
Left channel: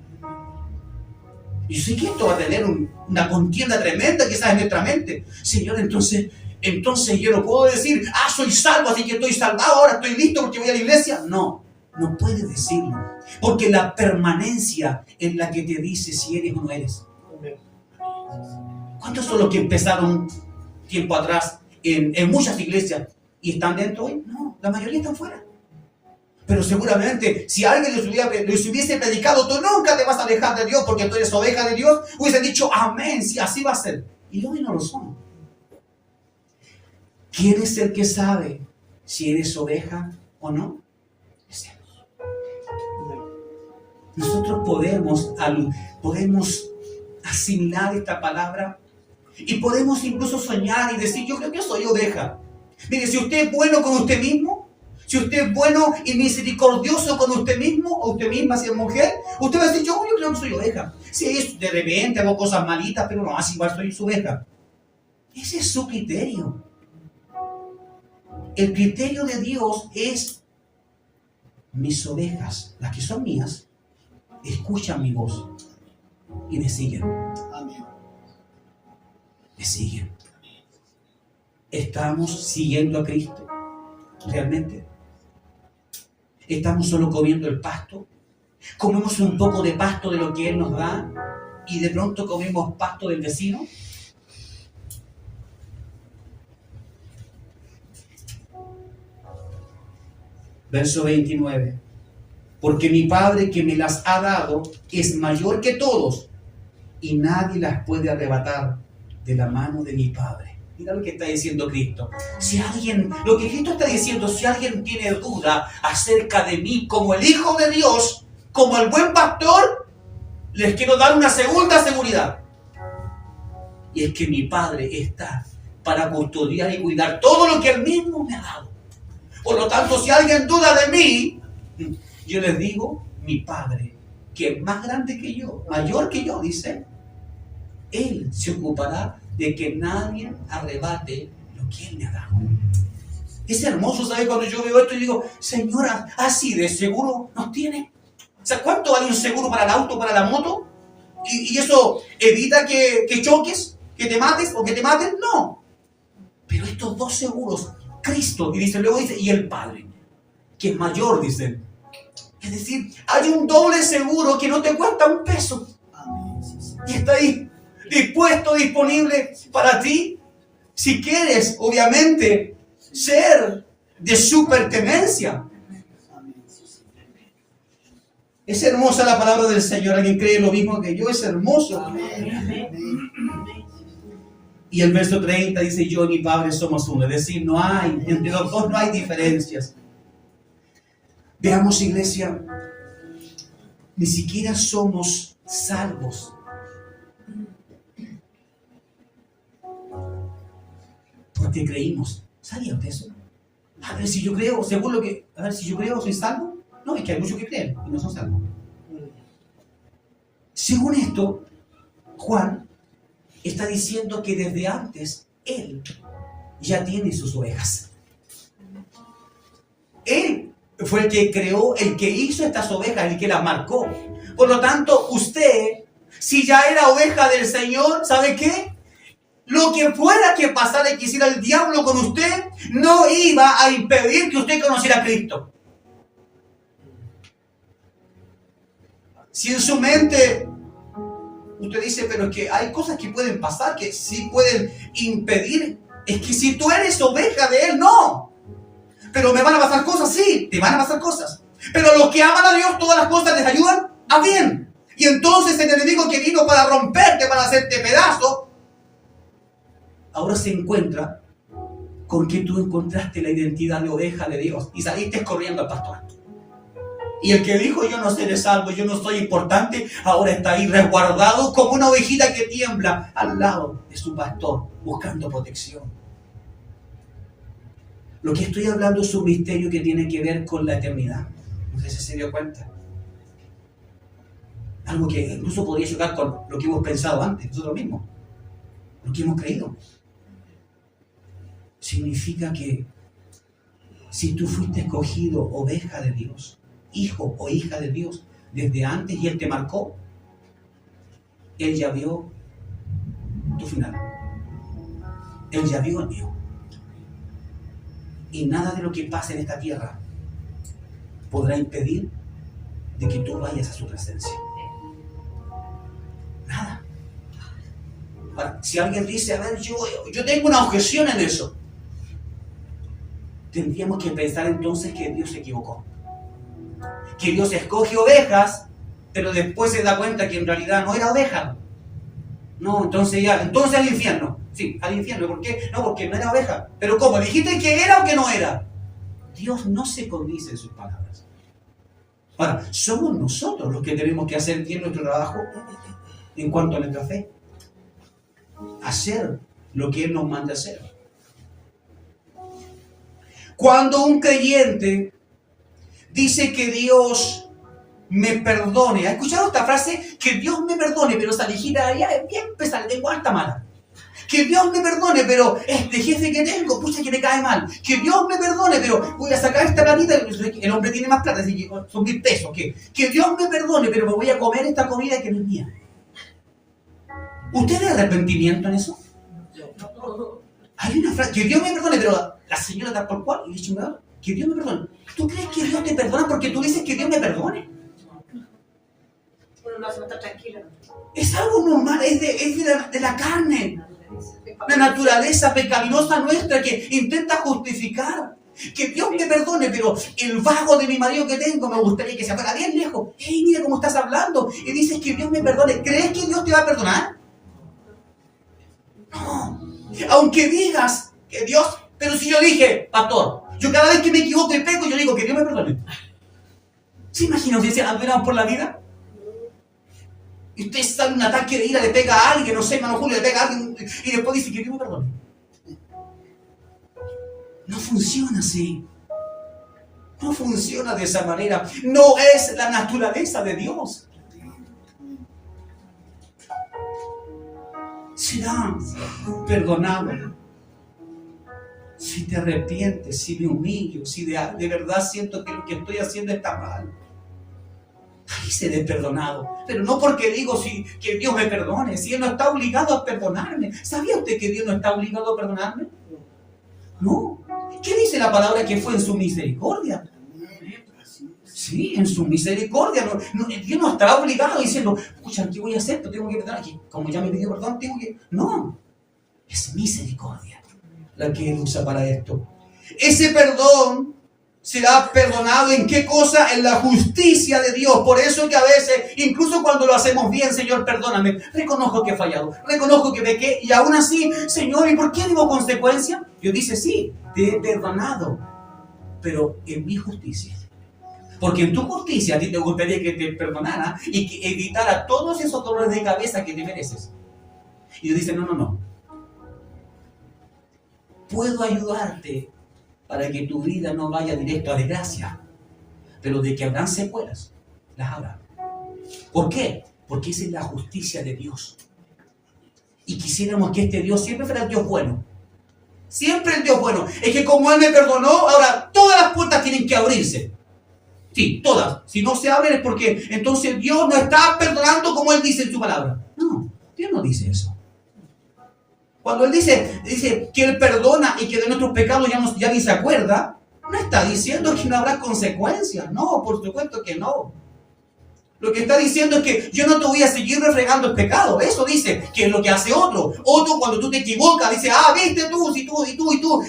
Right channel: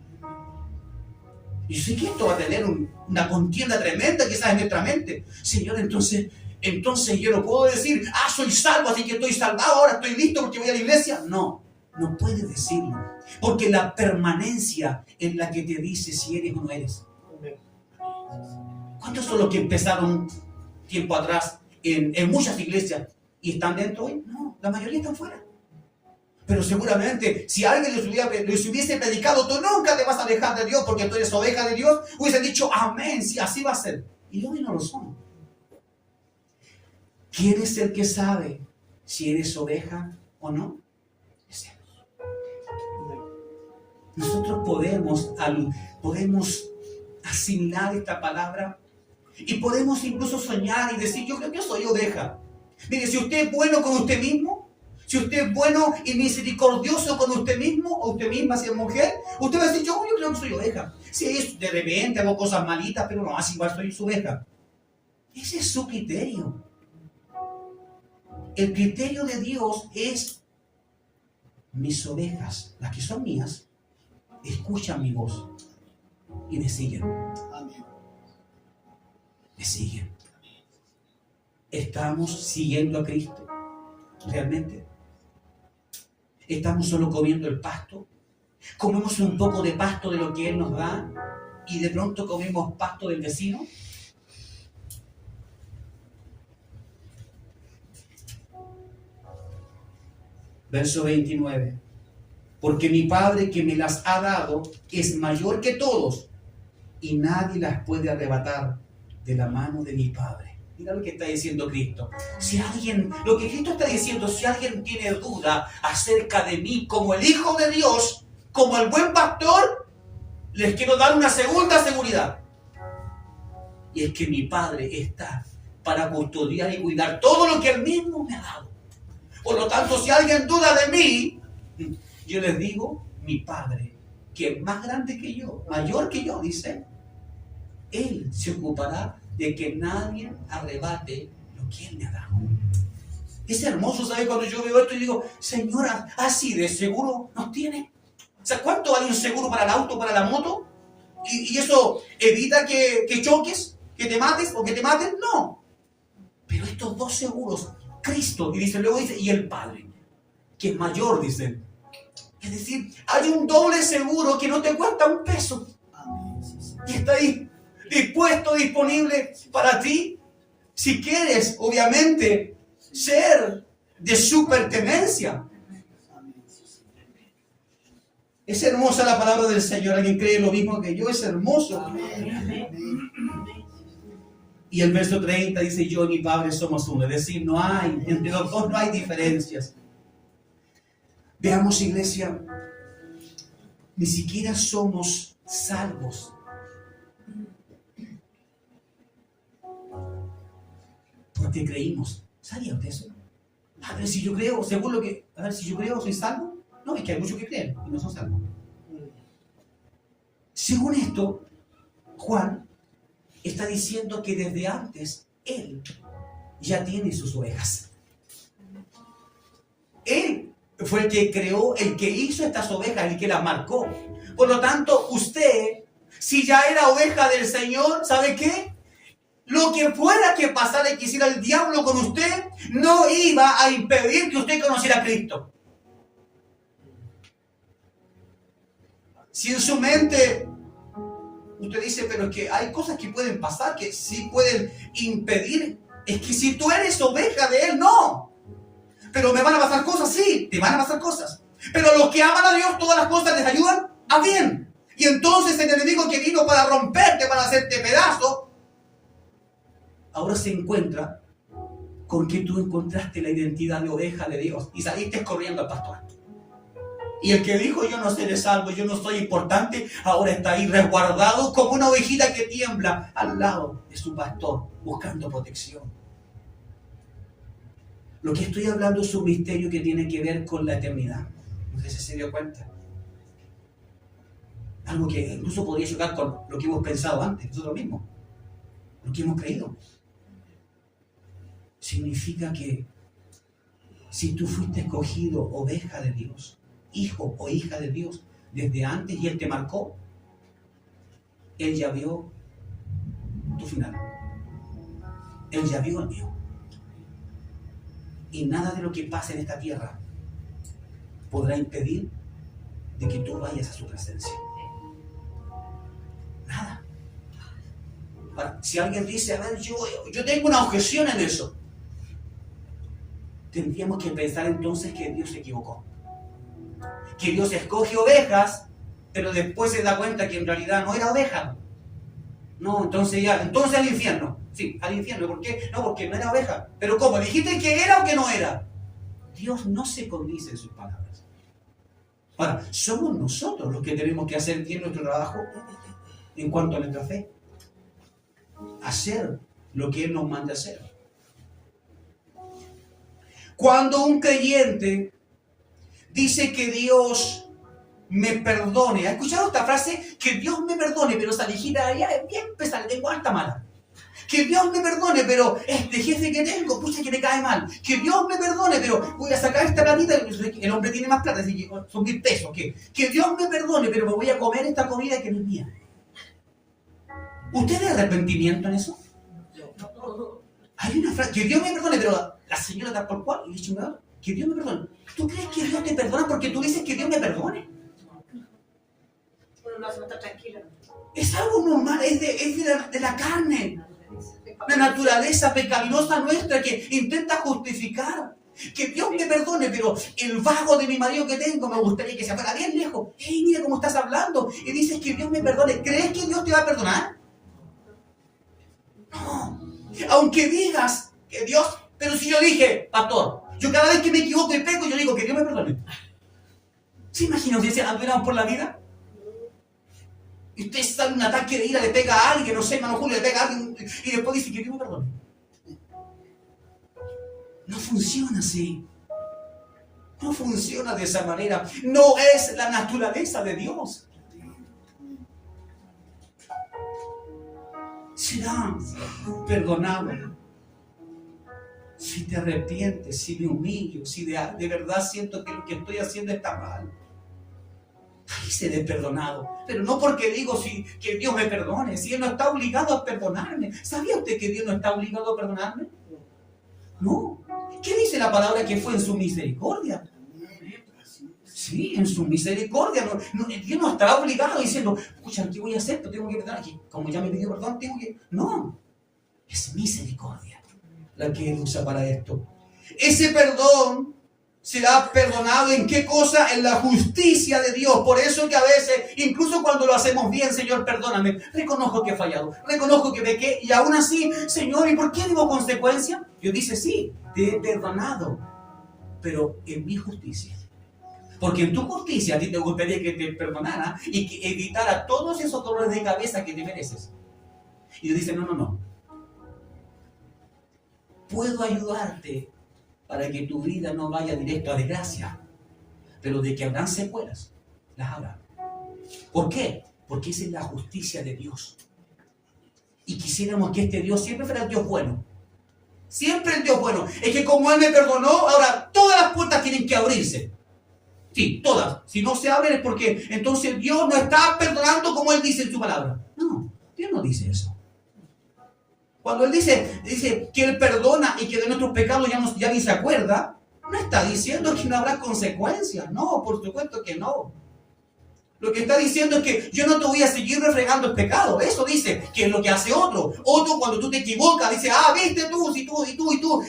Y sé que esto va a tener una contienda tremenda quizás en nuestra mente. Señor, entonces yo no puedo decir, soy salvo, así que estoy salvado, ahora estoy listo porque voy a la iglesia. No puedes decirlo. Porque la permanencia es la que te dice si eres o no eres. ¿Cuántos son los que empezaron tiempo atrás en muchas iglesias y están dentro hoy? No, la mayoría están fuera. Pero seguramente, si alguien les hubiese predicado, tú nunca te vas a alejar de Dios porque tú eres oveja de Dios, hubiesen dicho, amén, sí, así va a ser. Y hoy no lo son. ¿Quién es el que sabe si eres oveja o no? Es Dios. Nosotros podemos asimilar esta palabra y podemos incluso soñar y decir, yo creo que soy oveja. Mire, si usted es bueno con usted mismo, si usted es bueno y misericordioso con usted mismo o usted misma, si es mujer, usted va a decir, yo creo que soy oveja. Si de repente hago cosas malitas, pero no, así igual soy su oveja. Ese es su criterio. El criterio de Dios es, mis ovejas, las que son mías, escuchan mi voz y me siguen. Amén. Me siguen. ¿Estamos siguiendo a Cristo realmente? ¿Estamos solo comiendo el pasto? ¿Comemos un poco de pasto de lo que Él nos da y de pronto comemos pasto del vecino? Verso 29. Porque mi Padre que me las ha dado es mayor que todos y nadie las puede arrebatar de la mano de mi Padre. Mira lo que está diciendo Cristo. Lo que Cristo está diciendo, si alguien tiene duda acerca de mí como el Hijo de Dios, como el buen pastor, les quiero dar una segunda seguridad. Y es que mi Padre está para custodiar y cuidar todo lo que Él mismo me ha dado. Por lo tanto, si alguien duda de mí, yo les digo, mi Padre, que es más grande que yo, mayor que yo, dice, Él se ocupará de que nadie arrebate lo que Él me ha dado. Es hermoso, ¿sabes? Cuando yo veo esto y digo, Señora, así de seguro nos tiene. O sea, ¿cuánto vale un seguro para el auto, para la moto? ¿Y eso evita que choques, que te mates o que te maten? No. Pero estos dos seguros, Cristo, y luego dice, y el Padre, que es mayor, dice. Es decir, hay un doble seguro que no te cuesta un peso. Y está ahí, dispuesto, disponible para ti, si quieres, obviamente, ser de su pertenencia. Es hermosa la palabra del Señor. ¿Alguien cree lo mismo que yo? Es hermoso. Y el verso 30 dice, yo y mi Padre somos uno. Es decir, entre los dos no hay diferencias. Veamos, iglesia, ni siquiera somos salvos porque creímos. ¿Sabía usted eso? A ver, si yo creo, si yo creo, ¿soy salvo? No, es que hay muchos que creen y no son salvos. Según esto, Juan está diciendo que desde antes Él ya tiene sus ovejas. Él fue el que creó, el que hizo estas ovejas, el que las marcó. Por lo tanto, usted, si ya era oveja del Señor, ¿sabe qué? Lo que fuera que pasara y que hiciera el diablo con usted, no iba a impedir que usted conociera a Cristo. Si en su mente usted dice, pero es que hay cosas que pueden pasar, que sí pueden impedir, es que si tú eres oveja de Él, no. Pero me van a pasar cosas, sí, te van a pasar cosas. Pero los que aman a Dios, todas las cosas les ayudan a bien. Y entonces el enemigo que vino para romperte, para hacerte pedazo, ahora se encuentra con que tú encontraste la identidad de oveja de Dios y saliste corriendo al pastor. Y el que dijo, yo no seré salvo, yo no soy importante, ahora está ahí resguardado como una ovejita que tiembla al lado de su pastor, buscando protección. Lo que estoy hablando es un misterio que tiene que ver con la eternidad. No sé si se dio cuenta. Algo que incluso podría chocar con lo que hemos pensado antes, nosotros mismos. Lo que hemos creído. Significa que si tú fuiste escogido oveja de Dios, hijo o hija de Dios, desde antes y Él te marcó, Él ya vio tu final. Él ya vio el mío. Y nada de lo que pase en esta tierra podrá impedir de que tú vayas a su presencia. Nada. Ahora, si alguien dice, a ver, yo tengo una objeción en eso, tendríamos que pensar entonces que Dios se equivocó. Que Dios escoge ovejas, pero después se da cuenta que en realidad no era oveja. No, entonces al infierno. Sí, al infierno. ¿Por qué? No, porque no era oveja. ¿Pero cómo? ¿Dijiste que era o que no era? Dios no se condice en sus palabras. Ahora, somos nosotros los que tenemos que hacer bien nuestro trabajo en cuanto a nuestra fe. Hacer lo que Él nos manda hacer. Cuando un creyente dice que Dios me perdone, ¿ha escuchado esta frase? Que Dios me perdone, pero esa viejita allá es bien pesada, tengo alta mala. Que Dios me perdone, pero este jefe que tengo, pucha que me cae mal. Que Dios me perdone, pero voy a sacar esta platita, el hombre tiene más plata, así que son 1.000 pesos. Que Dios me perdone, pero me voy a comer esta comida que no es mía. ¿Usted tiene arrepentimiento en eso? Hay una frase, que Dios me perdone, pero la señora tal por cual, y le chingada, que Dios me perdone. ¿Tú crees que Dios te perdona porque tú dices que Dios me perdone? Uno no hace estar tranquilo. Es algo normal, es de la carne. La naturaleza pecaminosa nuestra que intenta justificar. Que Dios me perdone, pero el vago de mi marido que tengo me gustaría que se fuera bien lejos. ¡Hey, mira cómo estás hablando! Y dices que Dios me perdone. ¿Crees que Dios te va a perdonar? No. Aunque digas que Dios... Pero si yo dije, pastor, yo cada vez que me equivoco y peco, yo digo que Dios me perdone. ¿Se imagina si andamos por la vida? Y usted sale un ataque de ira, le pega a alguien, no sé, hermano Julio, le pega a alguien y después dice que Dios me perdone. No funciona así. No funciona de esa manera. No es la naturaleza de Dios. Será perdonado si te arrepientes, si me humillo, si de verdad siento que lo que estoy haciendo está mal. Ahí seré perdonado. Pero no porque digo que Dios me perdone, si Él no está obligado a perdonarme. ¿Sabía usted que Dios no está obligado a perdonarme? No. ¿Qué dice la palabra? Que fue en su misericordia. Sí, en su misericordia. Dios no estará obligado diciendo, escucha, ¿qué voy a hacer? Tengo que perdonar. Como ya me pidió perdón, tengo que... No. Es misericordia la que Él usa para esto. Ese perdón será perdonado ¿en qué cosa? En la justicia de Dios. Por eso que a veces, incluso cuando lo hacemos bien, Señor, perdóname. Reconozco que he fallado, reconozco que pequé y aún así, Señor, ¿y por qué digo consecuencia? Dios dice, sí, te he perdonado, pero en mi justicia. Porque en tu justicia a ti te gustaría que te perdonara y que evitara todos esos dolores de cabeza que te mereces. Y Dios dice, no. Puedo ayudarte para que tu vida no vaya directo a desgracia, pero de que habrán secuelas, las habrá. ¿Por qué? Porque esa es la justicia de Dios. Y quisiéramos que este Dios siempre fuera el Dios bueno. Siempre el Dios bueno. Es que como Él me perdonó, ahora todas las puertas tienen que abrirse. Sí, todas. Si no se abren es porque entonces Dios no está perdonando como Él dice en su palabra. No, Dios no dice eso. Cuando Él dice que Él perdona y que de nuestros pecados ya ni se acuerda, no está diciendo que no habrá consecuencias. No, por supuesto que no. Lo que está diciendo es que yo no te voy a seguir refregando el pecado. Eso dice que es lo que hace otro. Otro, cuando tú te equivocas, dice, viste tú,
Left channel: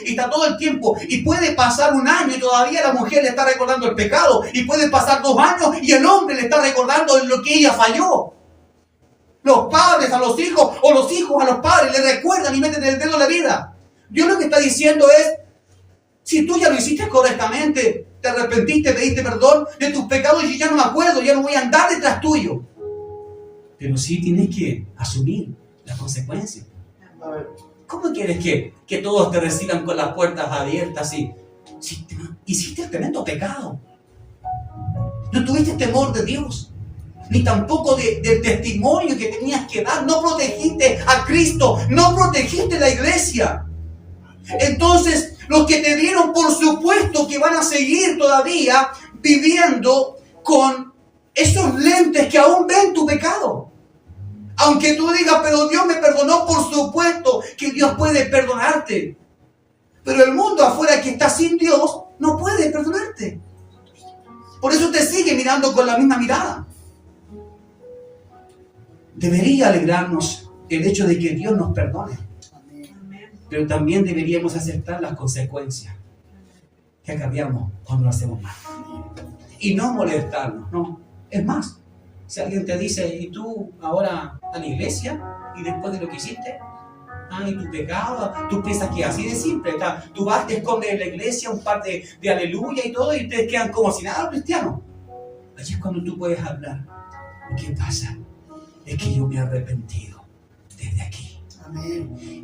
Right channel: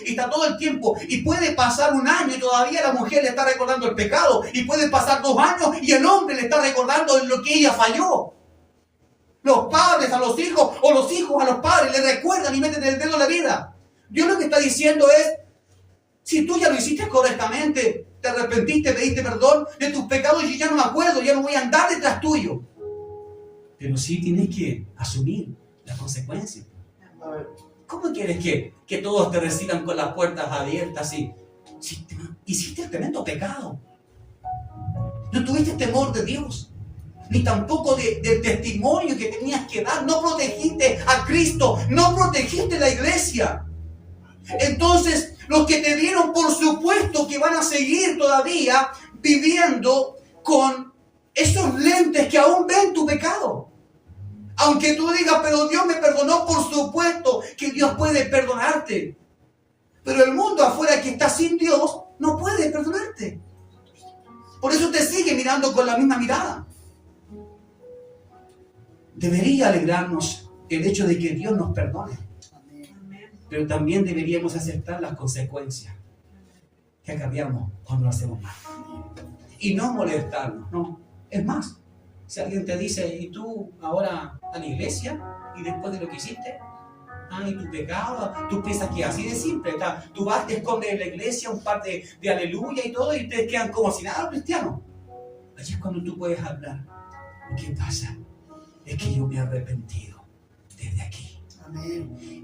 y está todo el tiempo. Y puede pasar un año y todavía la mujer le está recordando el pecado. Y puede pasar 2 años y el hombre le está recordando lo que ella falló. Los padres a los hijos o los hijos a los padres le recuerdan y meten el dedo en la vida. Dios lo que está diciendo es, si tú ya lo hiciste correctamente, te arrepentiste, pediste perdón de tus pecados, y yo ya no me acuerdo, ya no voy a andar detrás tuyo. Pero sí tienes que asumir las consecuencias. ¿Cómo quieres que todos te reciban con las puertas abiertas si hiciste el tremendo pecado? No tuviste temor de Dios, ni tampoco del testimonio que tenías que dar. No protegiste a Cristo, no protegiste la iglesia. Entonces, los que te vieron, por supuesto que van a seguir todavía viviendo con esos lentes que aún ven tu pecado. Aunque tú digas, pero Dios me perdonó, por supuesto que Dios puede perdonarte. Pero el mundo afuera que está sin Dios no puede perdonarte. Por eso te sigue mirando con la misma mirada. Debería alegrarnos el hecho de que Dios nos perdone. Pero también deberíamos aceptar las consecuencias que acarreamos cuando lo hacemos mal. Y no molestarnos, no. Es más, si alguien te dice, ¿y tú ahora a la iglesia? ¿Y después de lo que hiciste? ¿Y tu pecado? Tú piensas que así de simple. Tú vas, te escondes en la iglesia un par de aleluya y todo, y ustedes quedan como si nada cristianos. Allí es cuando tú puedes hablar. ¿Qué pasa? Es que yo me he arrepentido desde aquí.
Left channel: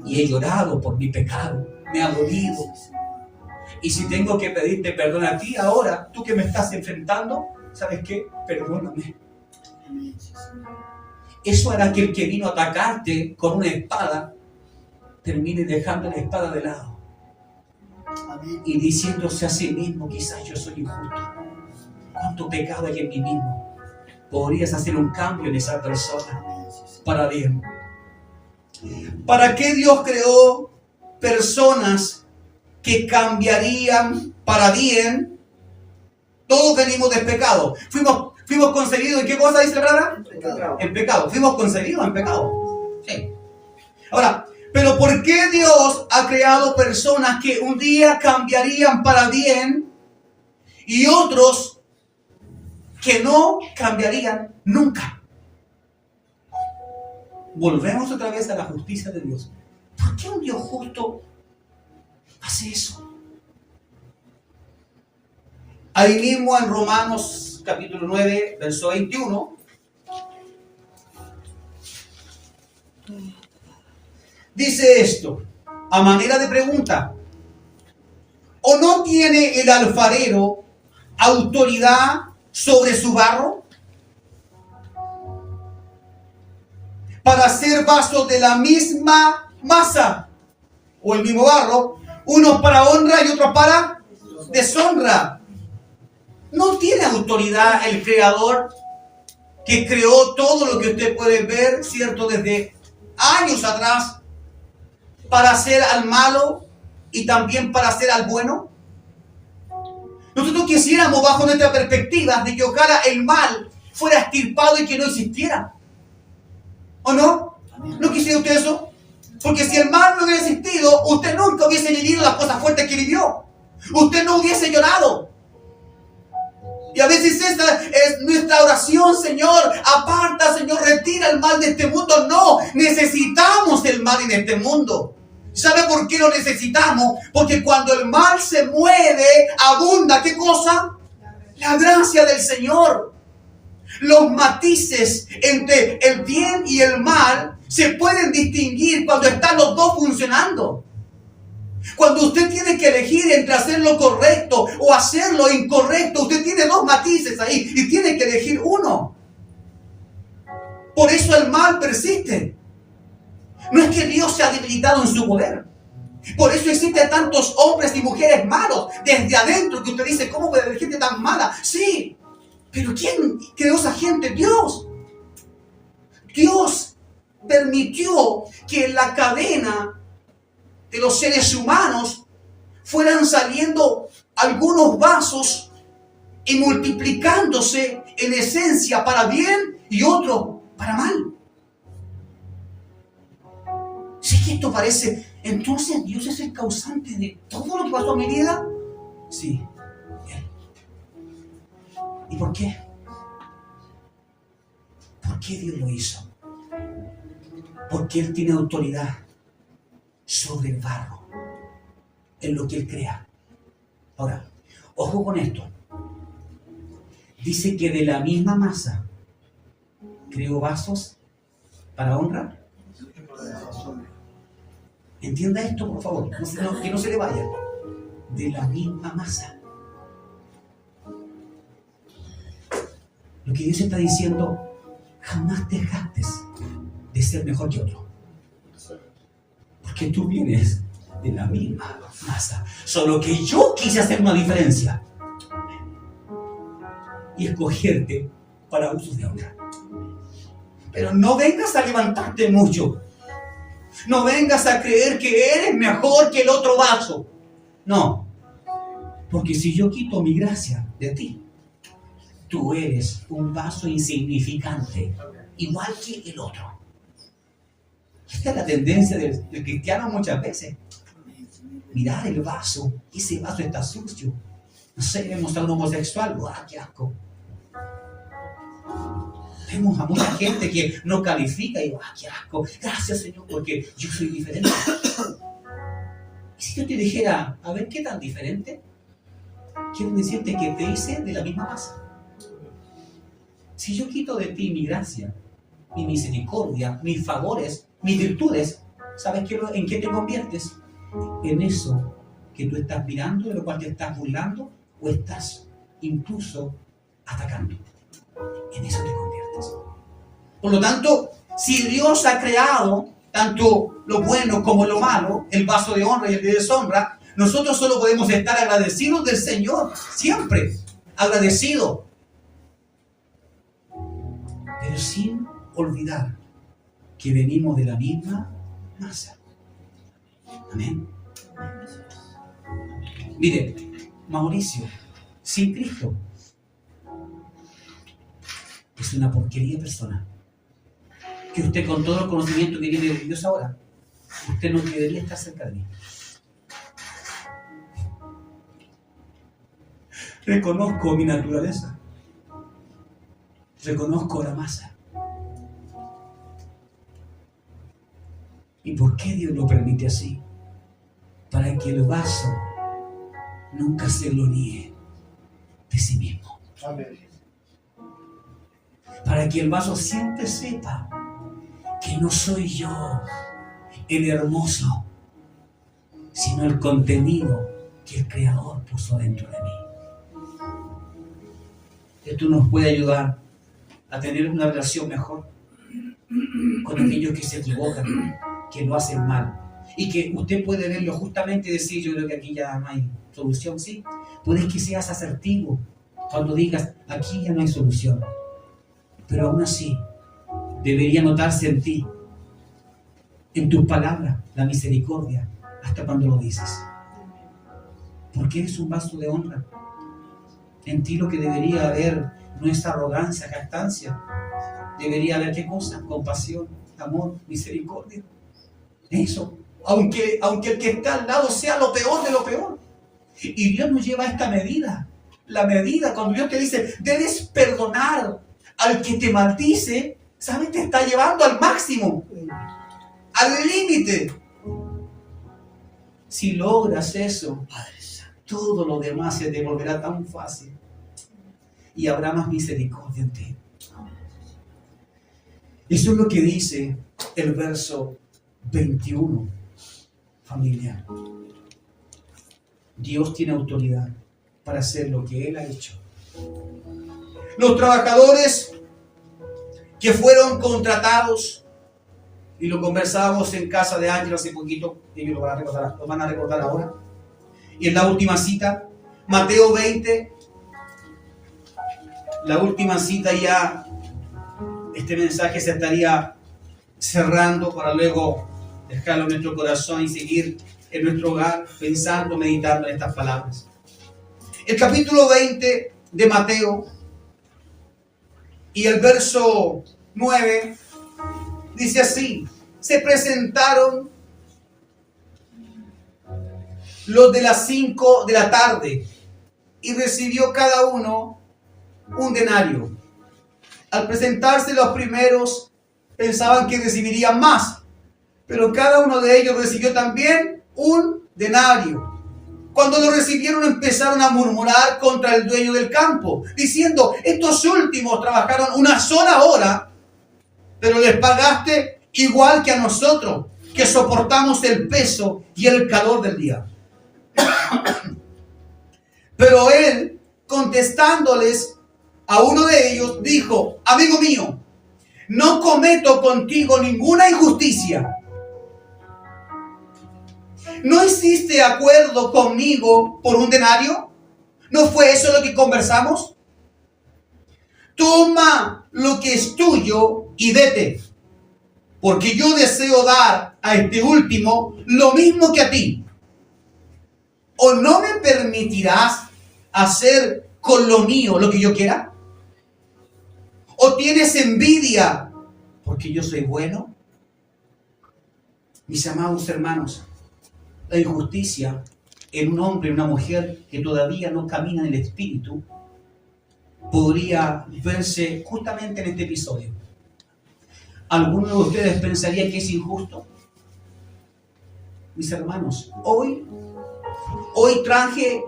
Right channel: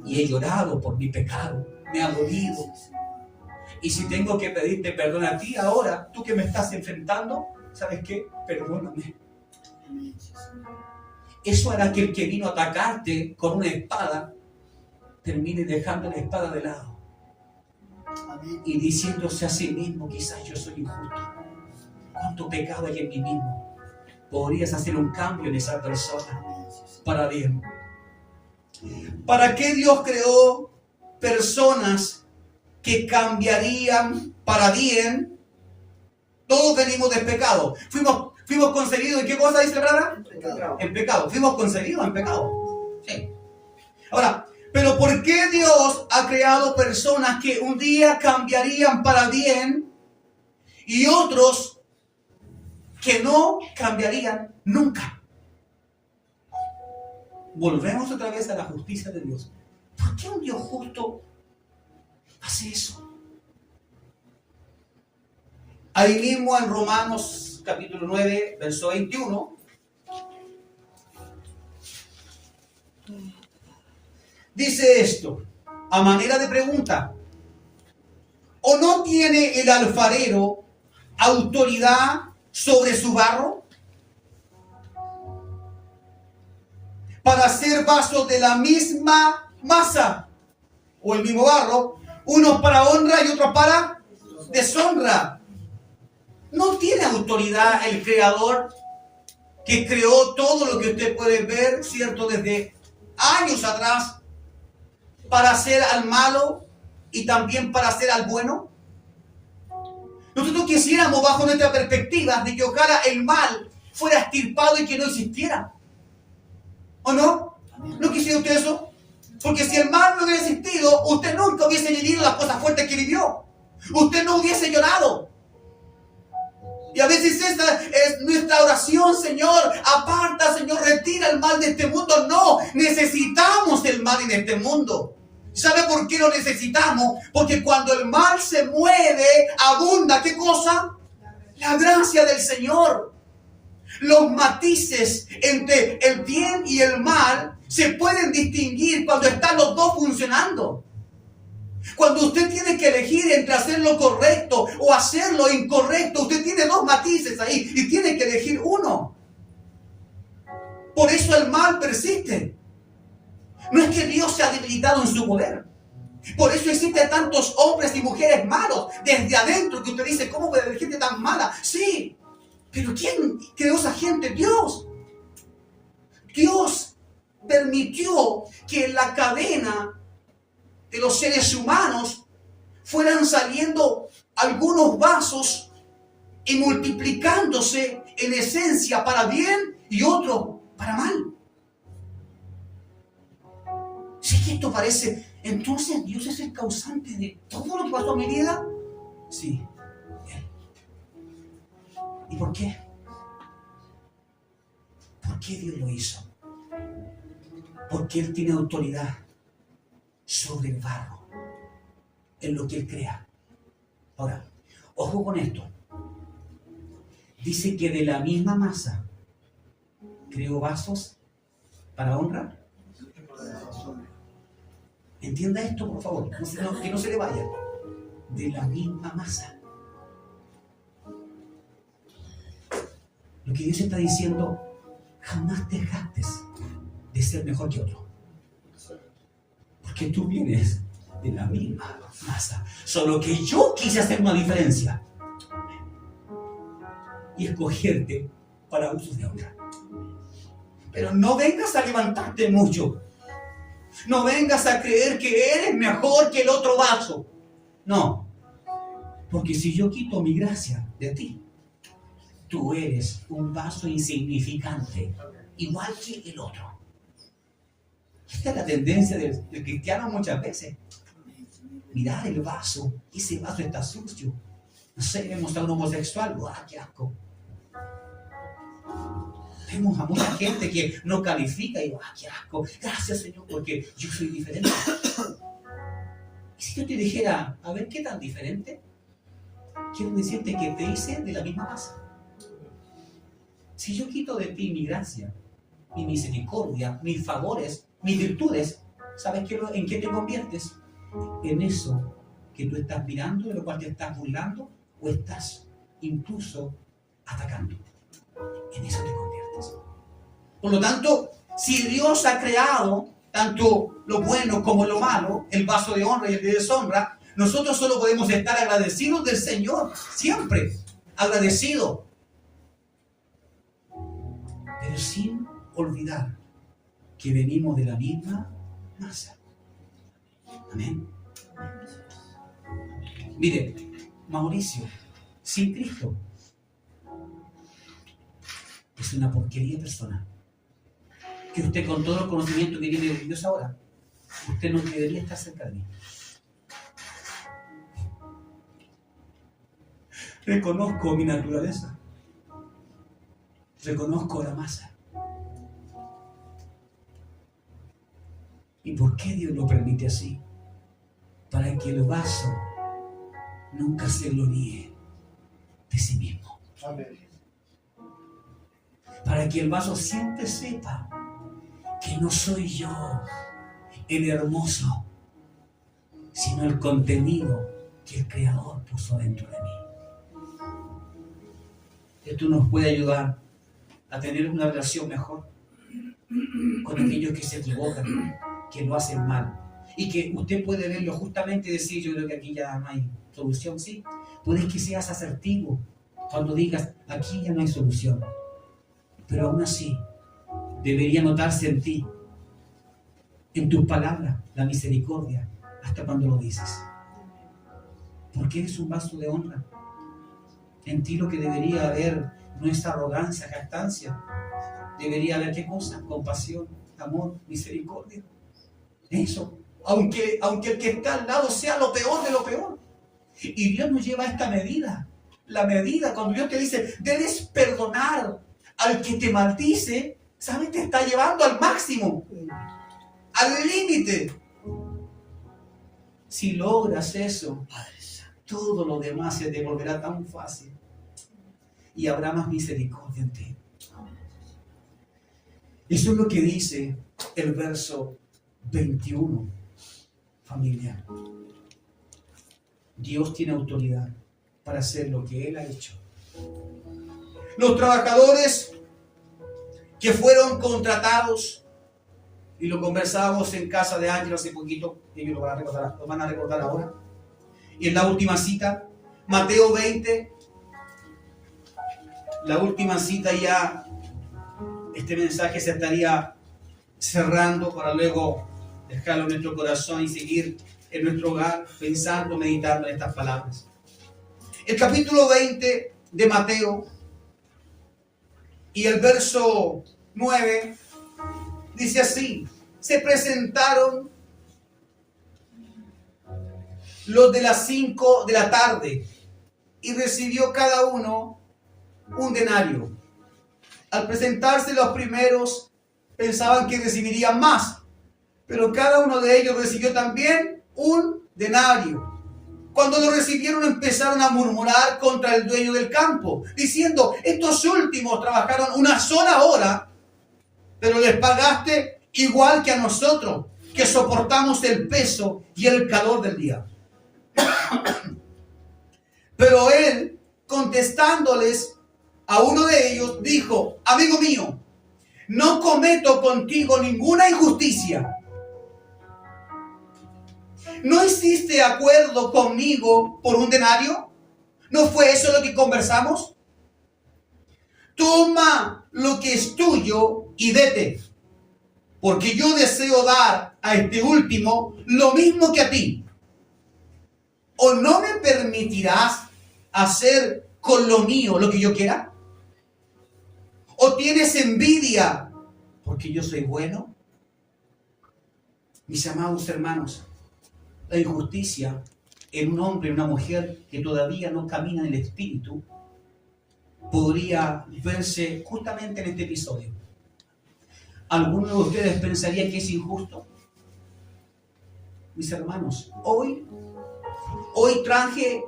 Y he llorado por mi pecado, me ha dolido. Y si tengo que pedirte perdón a ti ahora, tú que me estás enfrentando, ¿sabes qué? Perdóname. Eso hará que el que vino a atacarte con una espada termine dejando la espada de lado y diciéndose a sí mismo, quizás yo soy injusto. ¿Cuánto pecado hay en mí mismo? Podrías hacer un cambio en esa persona para bien. ¿Para qué Dios creó personas que cambiarían para bien? Todos venimos del pecado. Fuimos concebidos ¿en qué cosa dice la palabra? En pecado. Fuimos concebidos en pecado. Sí. Ahora, pero ¿por qué Dios ha creado personas que un día cambiarían para bien y otros que no cambiarían nunca? Volvemos otra vez a la justicia de Dios. ¿Por qué un Dios justo hace eso? Ahí mismo en Romanos capítulo 9, verso 21, dice esto, a manera de pregunta: ¿o no tiene el alfarero autoridad sobre su barro para hacer vasos de la misma masa o el mismo barro, unos para honra y otros para deshonra? ¿No tiene autoridad el Creador que creó todo lo que usted puede ver, cierto, desde años atrás, para hacer al malo y también para hacer al bueno? Nosotros quisiéramos, bajo nuestra perspectiva, de que ojalá el mal fuera extirpado y que no existiera. ¿O no? ¿No quisiera usted eso? Porque si el mal no hubiera existido, usted nunca hubiese vivido las cosas fuertes que vivió. Usted no hubiese llorado. Y a veces esa es nuestra oración: Señor, aparta, Señor, retira el mal de este mundo. No, necesitamos el mal en este mundo. ¿Sabe por qué lo necesitamos? Porque cuando el mal se mueve, abunda, ¿qué cosa? La gracia del Señor. Los matices entre el bien y el mal se pueden distinguir cuando están los dos funcionando. Cuando usted tiene que elegir entre hacer lo correcto o hacer lo incorrecto, usted tiene dos matices ahí y tiene que elegir uno. Por eso el mal persiste. No es que Dios se ha debilitado en su poder. Por eso existen tantos hombres y mujeres malos desde adentro que usted dice, ¿cómo puede haber gente tan mala? Sí, pero ¿quién creó esa gente? Dios. Dios permitió que en la cadena de los seres humanos fueran saliendo algunos vasos y multiplicándose en esencia para bien y otros para mal. Si es que esto parece, entonces Dios es el causante de todo lo que pasó en mi vida. Sí, Él. ¿Y por qué? ¿Por qué Dios lo hizo? Porque Él tiene autoridad sobre el barro, en lo que Él crea. Ahora, ojo con esto. Dice que de la misma masa creó vasos para honra. Entienda esto, por favor, que no se le vaya. De la misma masa. Lo que Dios está diciendo, jamás te jactes de ser mejor que otro. Porque tú vienes de la misma masa. Solo que yo quise hacer una diferencia y escogerte para usos de honra. Pero no vengas a levantarte mucho. No vengas a creer que eres mejor que el otro vaso. No. Porque si yo quito mi gracia de ti, tú eres un vaso insignificante, igual que el otro. Esta es la tendencia del cristiano muchas veces. Mirar el vaso, ese vaso está sucio. No sé, vemos a un homosexual, ¡guau, qué asco! Vemos a mucha gente que no califica y ¡guau, qué asco! Gracias, Señor, porque yo soy diferente. Y si yo te dijera, a ver, ¿qué tan diferente? Quiero decirte que te hice de la misma masa. Si yo quito de ti mi gracia, mi misericordia, mis favores, mis virtudes, ¿sabes en qué te conviertes? En eso que tú estás mirando, de lo cual te estás burlando, o estás incluso atacando. En eso te conviertes. Por lo tanto, si Dios ha creado tanto lo bueno como lo malo, el vaso de honra y el de deshonra, nosotros solo podemos estar agradecidos del Señor, siempre agradecidos, pero sin olvidar que venimos de la misma masa. Amén. Mire, Mauricio, sin Cristo, es una porquería de persona. Que usted, con todo el conocimiento que tiene de Dios ahora, usted no debería estar cerca de mí. Reconozco mi naturaleza. Reconozco la masa. ¿Y por qué Dios lo permite así? Para que el vaso nunca se gloríe de sí mismo. Amén. Para que el vaso siempre sepa que no soy yo el hermoso, sino el contenido que el Creador puso dentro de mí. Esto nos puede ayudar a tener una relación mejor con aquellos que se equivocan, que lo hacen mal. Y que usted puede verlo justamente y decir, yo creo que aquí ya no hay solución, ¿sí? Puedes que seas asertivo cuando digas, aquí ya no hay solución. Pero aún así, debería notarse en ti, en tus palabras, la misericordia, hasta cuando lo dices. Porque eres un vaso de honra. En ti lo que debería haber no es arrogancia, jactancia. Debería haber, ¿qué cosa? Compasión, amor, misericordia. Eso. Aunque el que está al lado sea lo peor de lo peor. Y Dios nos lleva a esta medida. La medida, cuando Dios te dice, debes perdonar al que te maldice, ¿sabes? Te está llevando al máximo, al límite. Si logras eso, todo lo demás se te volverá tan fácil y habrá más misericordia en ti. Eso es lo que dice el verso 21, familia. Dios tiene autoridad para hacer lo que Él ha hecho. Los trabajadores que fueron contratados y lo conversábamos en casa de Ángel hace poquito, ellos lo van a recordar ahora. Y en la última cita, Mateo 20, la última cita ya, este mensaje se estaría cerrando para luego dejarlo en nuestro corazón y seguir en nuestro hogar pensando, meditando en estas palabras. El capítulo 20 de Mateo y el verso 9 dice así: se presentaron los de las 5 de la tarde y recibió cada uno un denario. Al presentarse los primeros pensaban que recibirían más, pero cada uno de ellos recibió también un denario. Cuando lo recibieron empezaron a murmurar contra el dueño del campo, diciendo: estos últimos trabajaron una sola hora, pero les pagaste igual que a nosotros, que soportamos el peso y el calor del día. Pero él, contestándoles a uno de ellos, dijo: amigo mío, no cometo contigo ninguna injusticia. ¿No hiciste acuerdo conmigo por un denario? ¿No fue eso lo que conversamos? Toma lo que es tuyo y vete, porque yo deseo dar a este último lo mismo que a ti. ¿O no me permitirás hacer con lo mío lo que yo quiera? ¿O tienes envidia porque yo soy bueno? Mis amados hermanos, la injusticia en un hombre y una mujer que todavía no camina en el Espíritu podría verse justamente en este episodio. ¿Alguno de ustedes pensaría que es injusto? Mis hermanos, hoy traje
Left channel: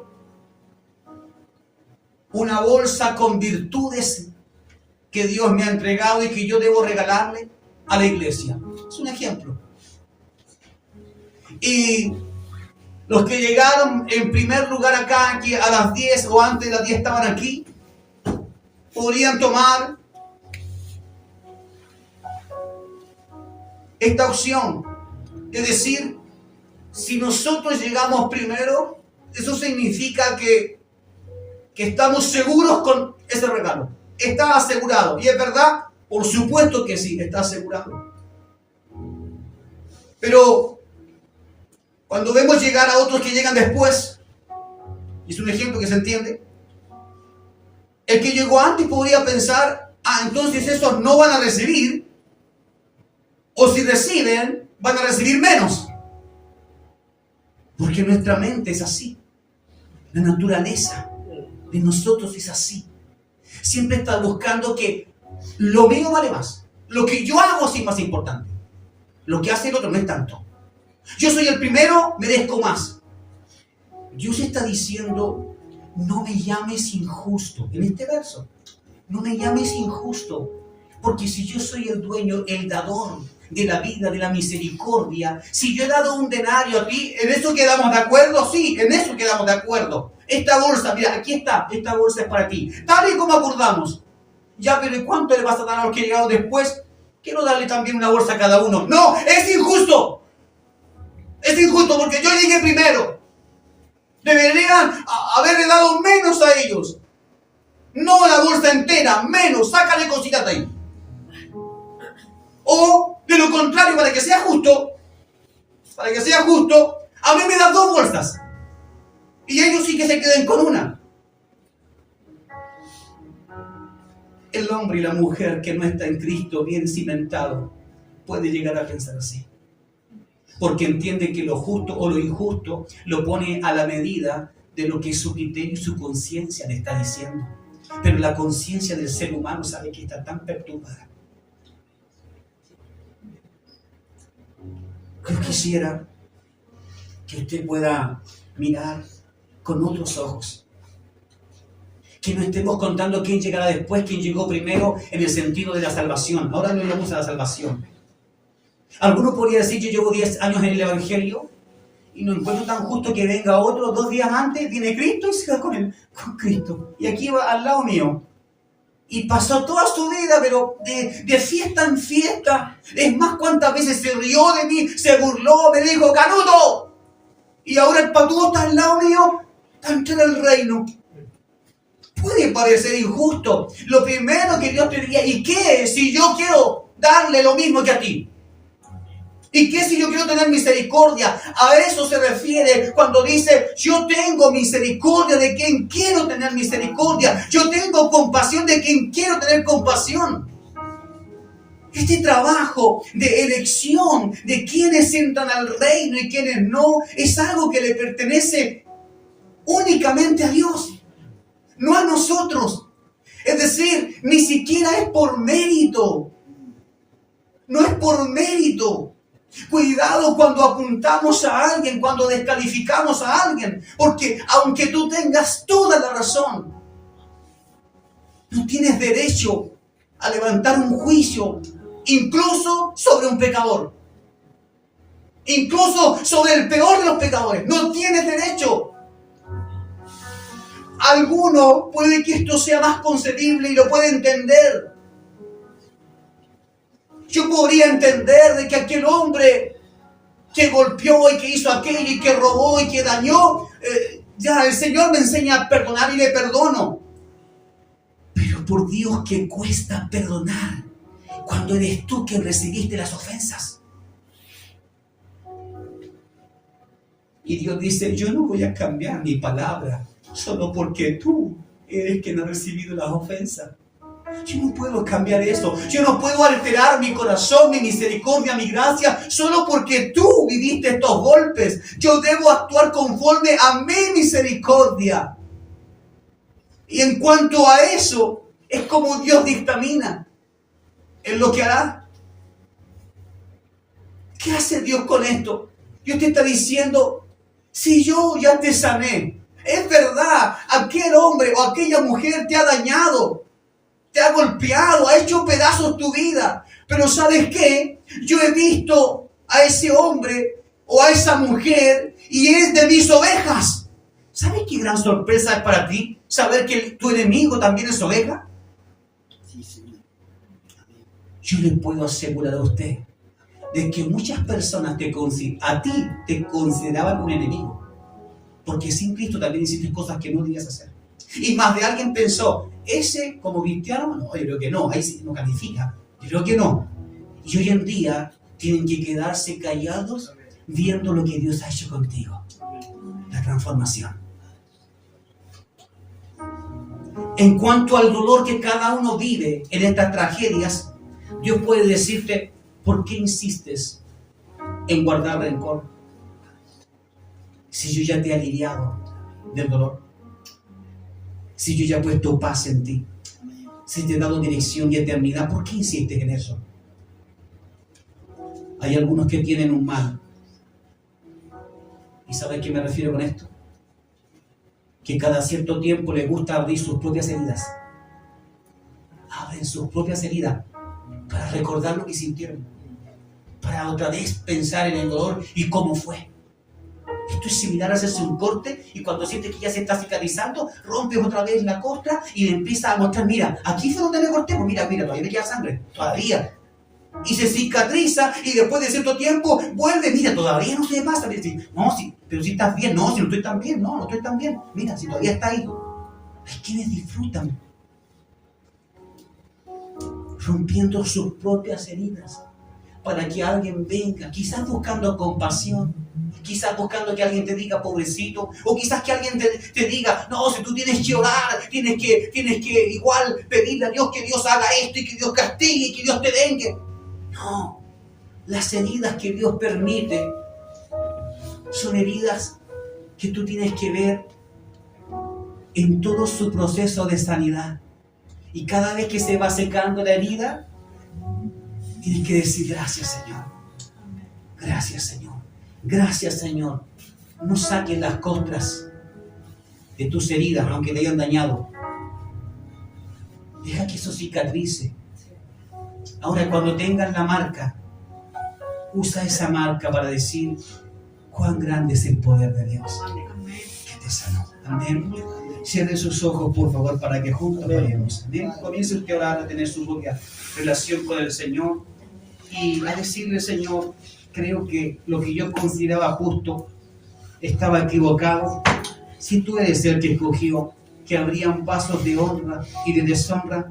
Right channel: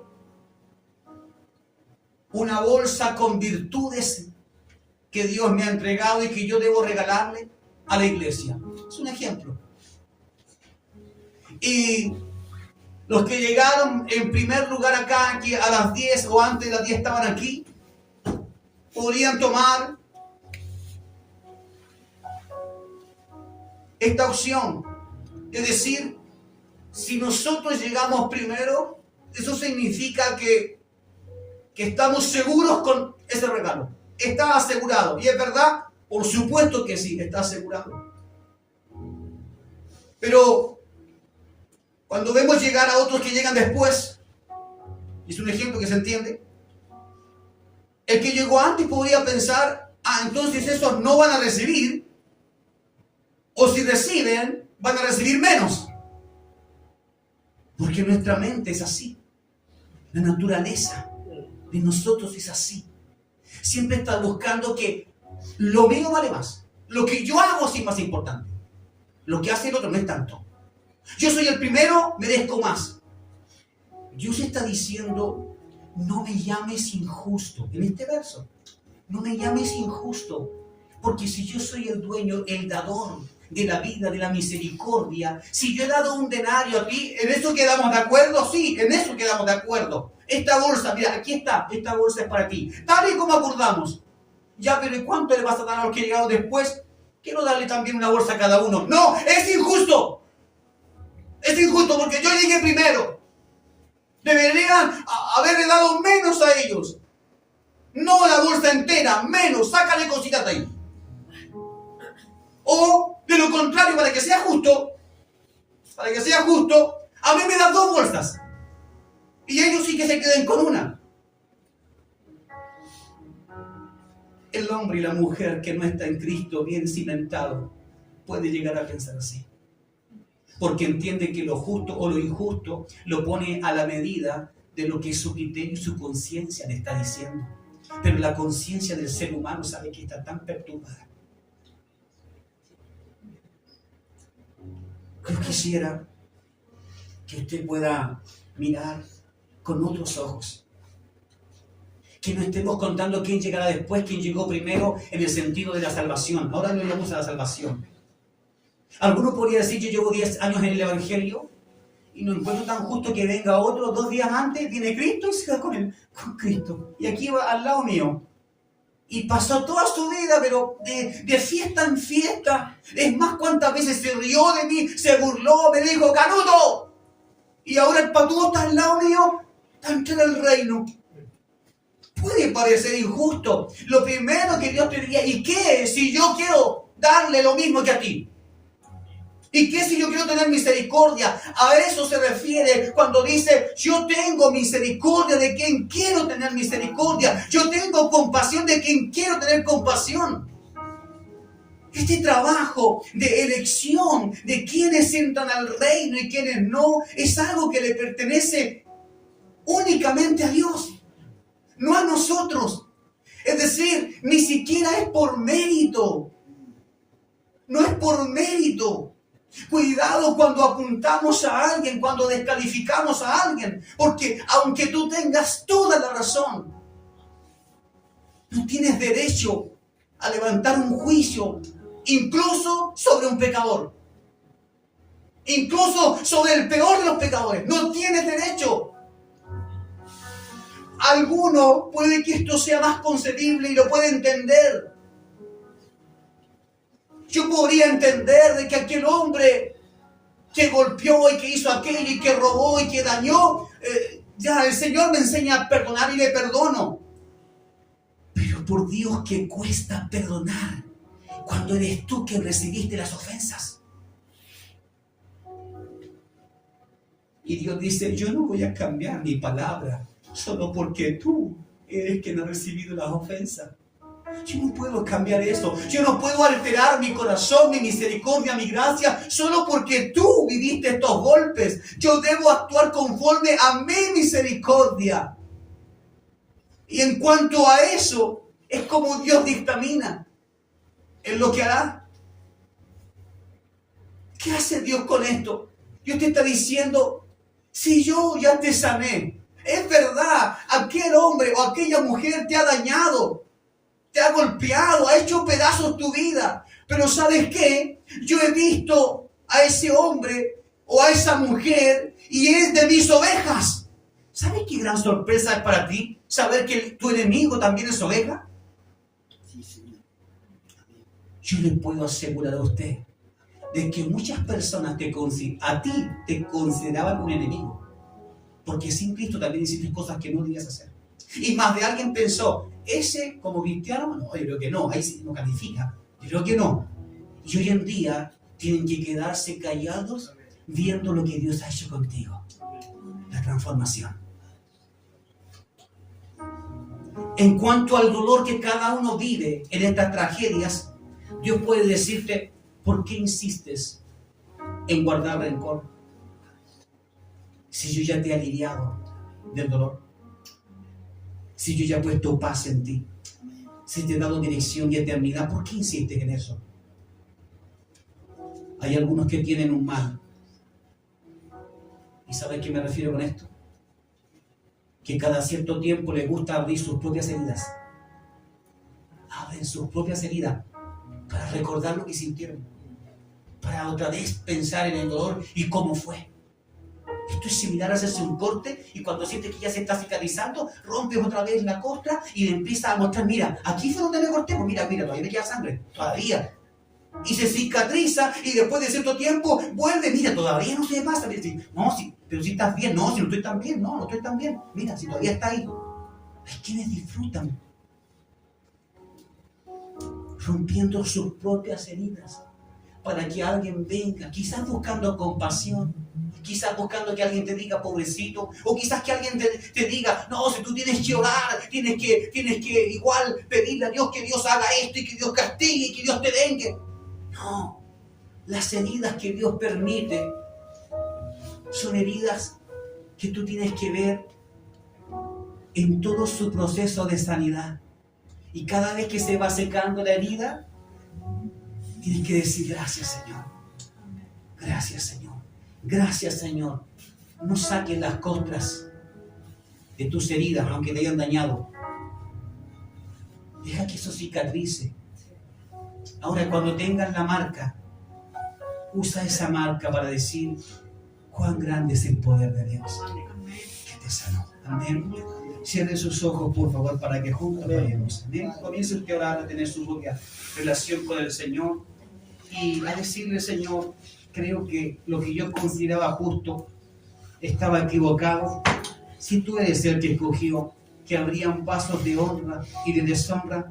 una bolsa con virtudes que Dios me ha entregado y que yo debo regalarle a la iglesia. Es un ejemplo. Y los que llegaron en primer lugar acá, que a las 10 o antes de las 10 estaban aquí, podrían tomar esta opción. Es decir, si nosotros llegamos primero, eso significa que estamos seguros con ese regalo. Está asegurado. ¿Y es verdad? Por supuesto que sí, está asegurado. Pero cuando vemos llegar a otros que llegan después, y es un ejemplo que se entiende, el que llegó antes podría pensar: entonces esos no van a recibir, o si reciben, van a recibir menos. Porque nuestra mente es así. La naturaleza de nosotros es así. Siempre está buscando que lo mío vale más. Lo que yo hago sí es más importante. Lo que hace el otro no es tanto. Yo soy el primero, merezco más. Dios está diciendo: no me llames injusto. En este verso, no me llames injusto. Porque si yo soy el dueño, el dador de la vida, de la misericordia, si yo he dado un denario a ti, ¿en eso quedamos de acuerdo? Sí, en eso quedamos de acuerdo. Esta bolsa, mira, aquí está, esta bolsa es para ti. Tal y como acordamos. Ya, pero ¿y cuánto le vas a dar a los que llegaron después? Quiero darle también una bolsa a cada uno. ¡No! ¡Es injusto! Es injusto porque yo llegué primero. Deberían haberle dado menos a ellos. No la bolsa entera, menos. Sácale cositas de ahí. O, de lo contrario, para que sea justo, a mí me das 2 bolsas. Y ellos sí que se queden con una. El hombre y la mujer que no está en Cristo bien cimentado puede llegar a pensar así. Porque entiende que lo justo o lo injusto lo pone a la medida de lo que su criterio y su conciencia le está diciendo. Pero la conciencia del ser humano sabe que está tan perturbada. Yo quisiera que usted pueda mirar con otros ojos. Que no estemos contando quién llegará después, quién llegó primero en el sentido de la salvación. Ahora no vamos a la salvación. Algunos podrían decir: yo llevo 10 años en el Evangelio y no encuentro tan justo que venga otro 2 días antes, viene Cristo y se va con Cristo. Y aquí va al lado mío. Y pasó toda su vida, pero de fiesta en fiesta. Es más, cuántas veces se rió de mí, se burló, me dijo, Canuto. Y ahora el patudo está al lado mío, está en el reino. Puede parecer injusto. Lo primero que Dios te diría, ¿y qué si yo quiero darle lo mismo que a ti? ¿Y qué si yo quiero tener misericordia? A eso se refiere cuando dice, yo tengo misericordia de quien quiero tener misericordia. Yo tengo compasión de quien quiero tener compasión. Este trabajo de elección de quienes entran al reino y quienes no, es algo que le pertenece únicamente a Dios, no a nosotros. Es decir, ni siquiera es por mérito. No es por mérito. Cuidado cuando apuntamos a alguien, cuando descalificamos a alguien, porque aunque tú tengas toda la razón, no tienes derecho a levantar un juicio, incluso sobre un pecador, incluso sobre el peor de los pecadores. No tienes derecho. Alguno puede que esto sea más concebible y lo puede entender. Yo podría entender de que aquel hombre que golpeó y que hizo aquello y que robó y que dañó, ya el Señor me enseña a perdonar y le perdono. Pero por Dios que cuesta perdonar cuando eres tú quien recibiste las ofensas. Y Dios dice, yo no voy a cambiar mi palabra solo porque tú eres quien ha recibido las ofensas. Yo no puedo cambiar eso. Yo no puedo alterar mi corazón, mi misericordia, mi gracia, solo porque tú viviste estos golpes. Yo debo actuar conforme a mi misericordia. Y en cuanto a eso, es como Dios dictamina en lo que hará. ¿Qué hace Dios con esto? Dios te está diciendo, si yo ya te sané, es verdad, aquel hombre o aquella mujer te ha dañado, te ha golpeado, ha hecho pedazos tu vida. Pero ¿sabes qué? Yo he visto a ese hombre o a esa mujer y es de mis ovejas. ¿Sabes qué gran sorpresa es para ti? Saber que tu enemigo también es oveja. Yo le puedo asegurar a usted de que muchas personas a ti te consideraban un enemigo. Porque sin Cristo también hiciste cosas que no debías hacer. Y más de alguien pensó, ese como cristiano, no, yo creo que no, ahí sí no califica, yo creo que no. Y hoy en día tienen que quedarse callados viendo lo que Dios ha hecho contigo. La transformación. En cuanto al dolor que cada uno vive en estas tragedias, Dios puede decirte, ¿por qué insistes en guardar rencor? Si yo ya te he aliviado del dolor. Si yo ya he puesto paz en ti, si te he dado dirección y eternidad, ¿por qué insistes en eso? Hay algunos que tienen un mal. ¿Y sabes a qué me refiero con esto? Que cada cierto tiempo les gusta abrir sus propias heridas. Abren sus propias heridas para recordar lo que sintieron. Para otra vez pensar en el dolor y cómo fue. Esto es similar a hacerse un corte y cuando sientes que ya se está cicatrizando, rompes otra vez la costra y le empiezas a mostrar, mira, aquí fue donde me corté, pues mira, todavía me queda sangre, todavía. Y se cicatriza y después de cierto tiempo vuelve, mira, todavía no se me pasa. No, sí, pero si estás bien, no, si no estoy tan bien, no estoy tan bien. Mira, si todavía está ahí. Hay quienes disfrutan rompiendo sus propias heridas para que alguien venga, quizás buscando compasión, quizás buscando que alguien te diga pobrecito, o quizás que alguien te diga, no, si tú tienes que orar, tienes que igual pedirle a Dios que Dios haga esto y que Dios castigue y que Dios te vengue. No, las heridas que Dios permite son heridas que tú tienes que ver en todo su proceso de sanidad. Y cada vez que se va secando la herida, tienes que decir gracias, Señor. Gracias, Señor. Gracias, Señor. No saques las costras de tus heridas, aunque te hayan dañado. Deja que eso cicatrice. Ahora, cuando tengas la marca, usa esa marca para decir cuán grande es el poder de Dios que te sanó. Amén. Cierre sus ojos, por favor, para que juntos oremos. Amén. Comience usted a orar, a tener su propia relación con el Señor y a decirle, Señor, creo que lo que yo consideraba justo estaba equivocado. Si tú eres el que escogió que habrían pasos de honra y de deshonra,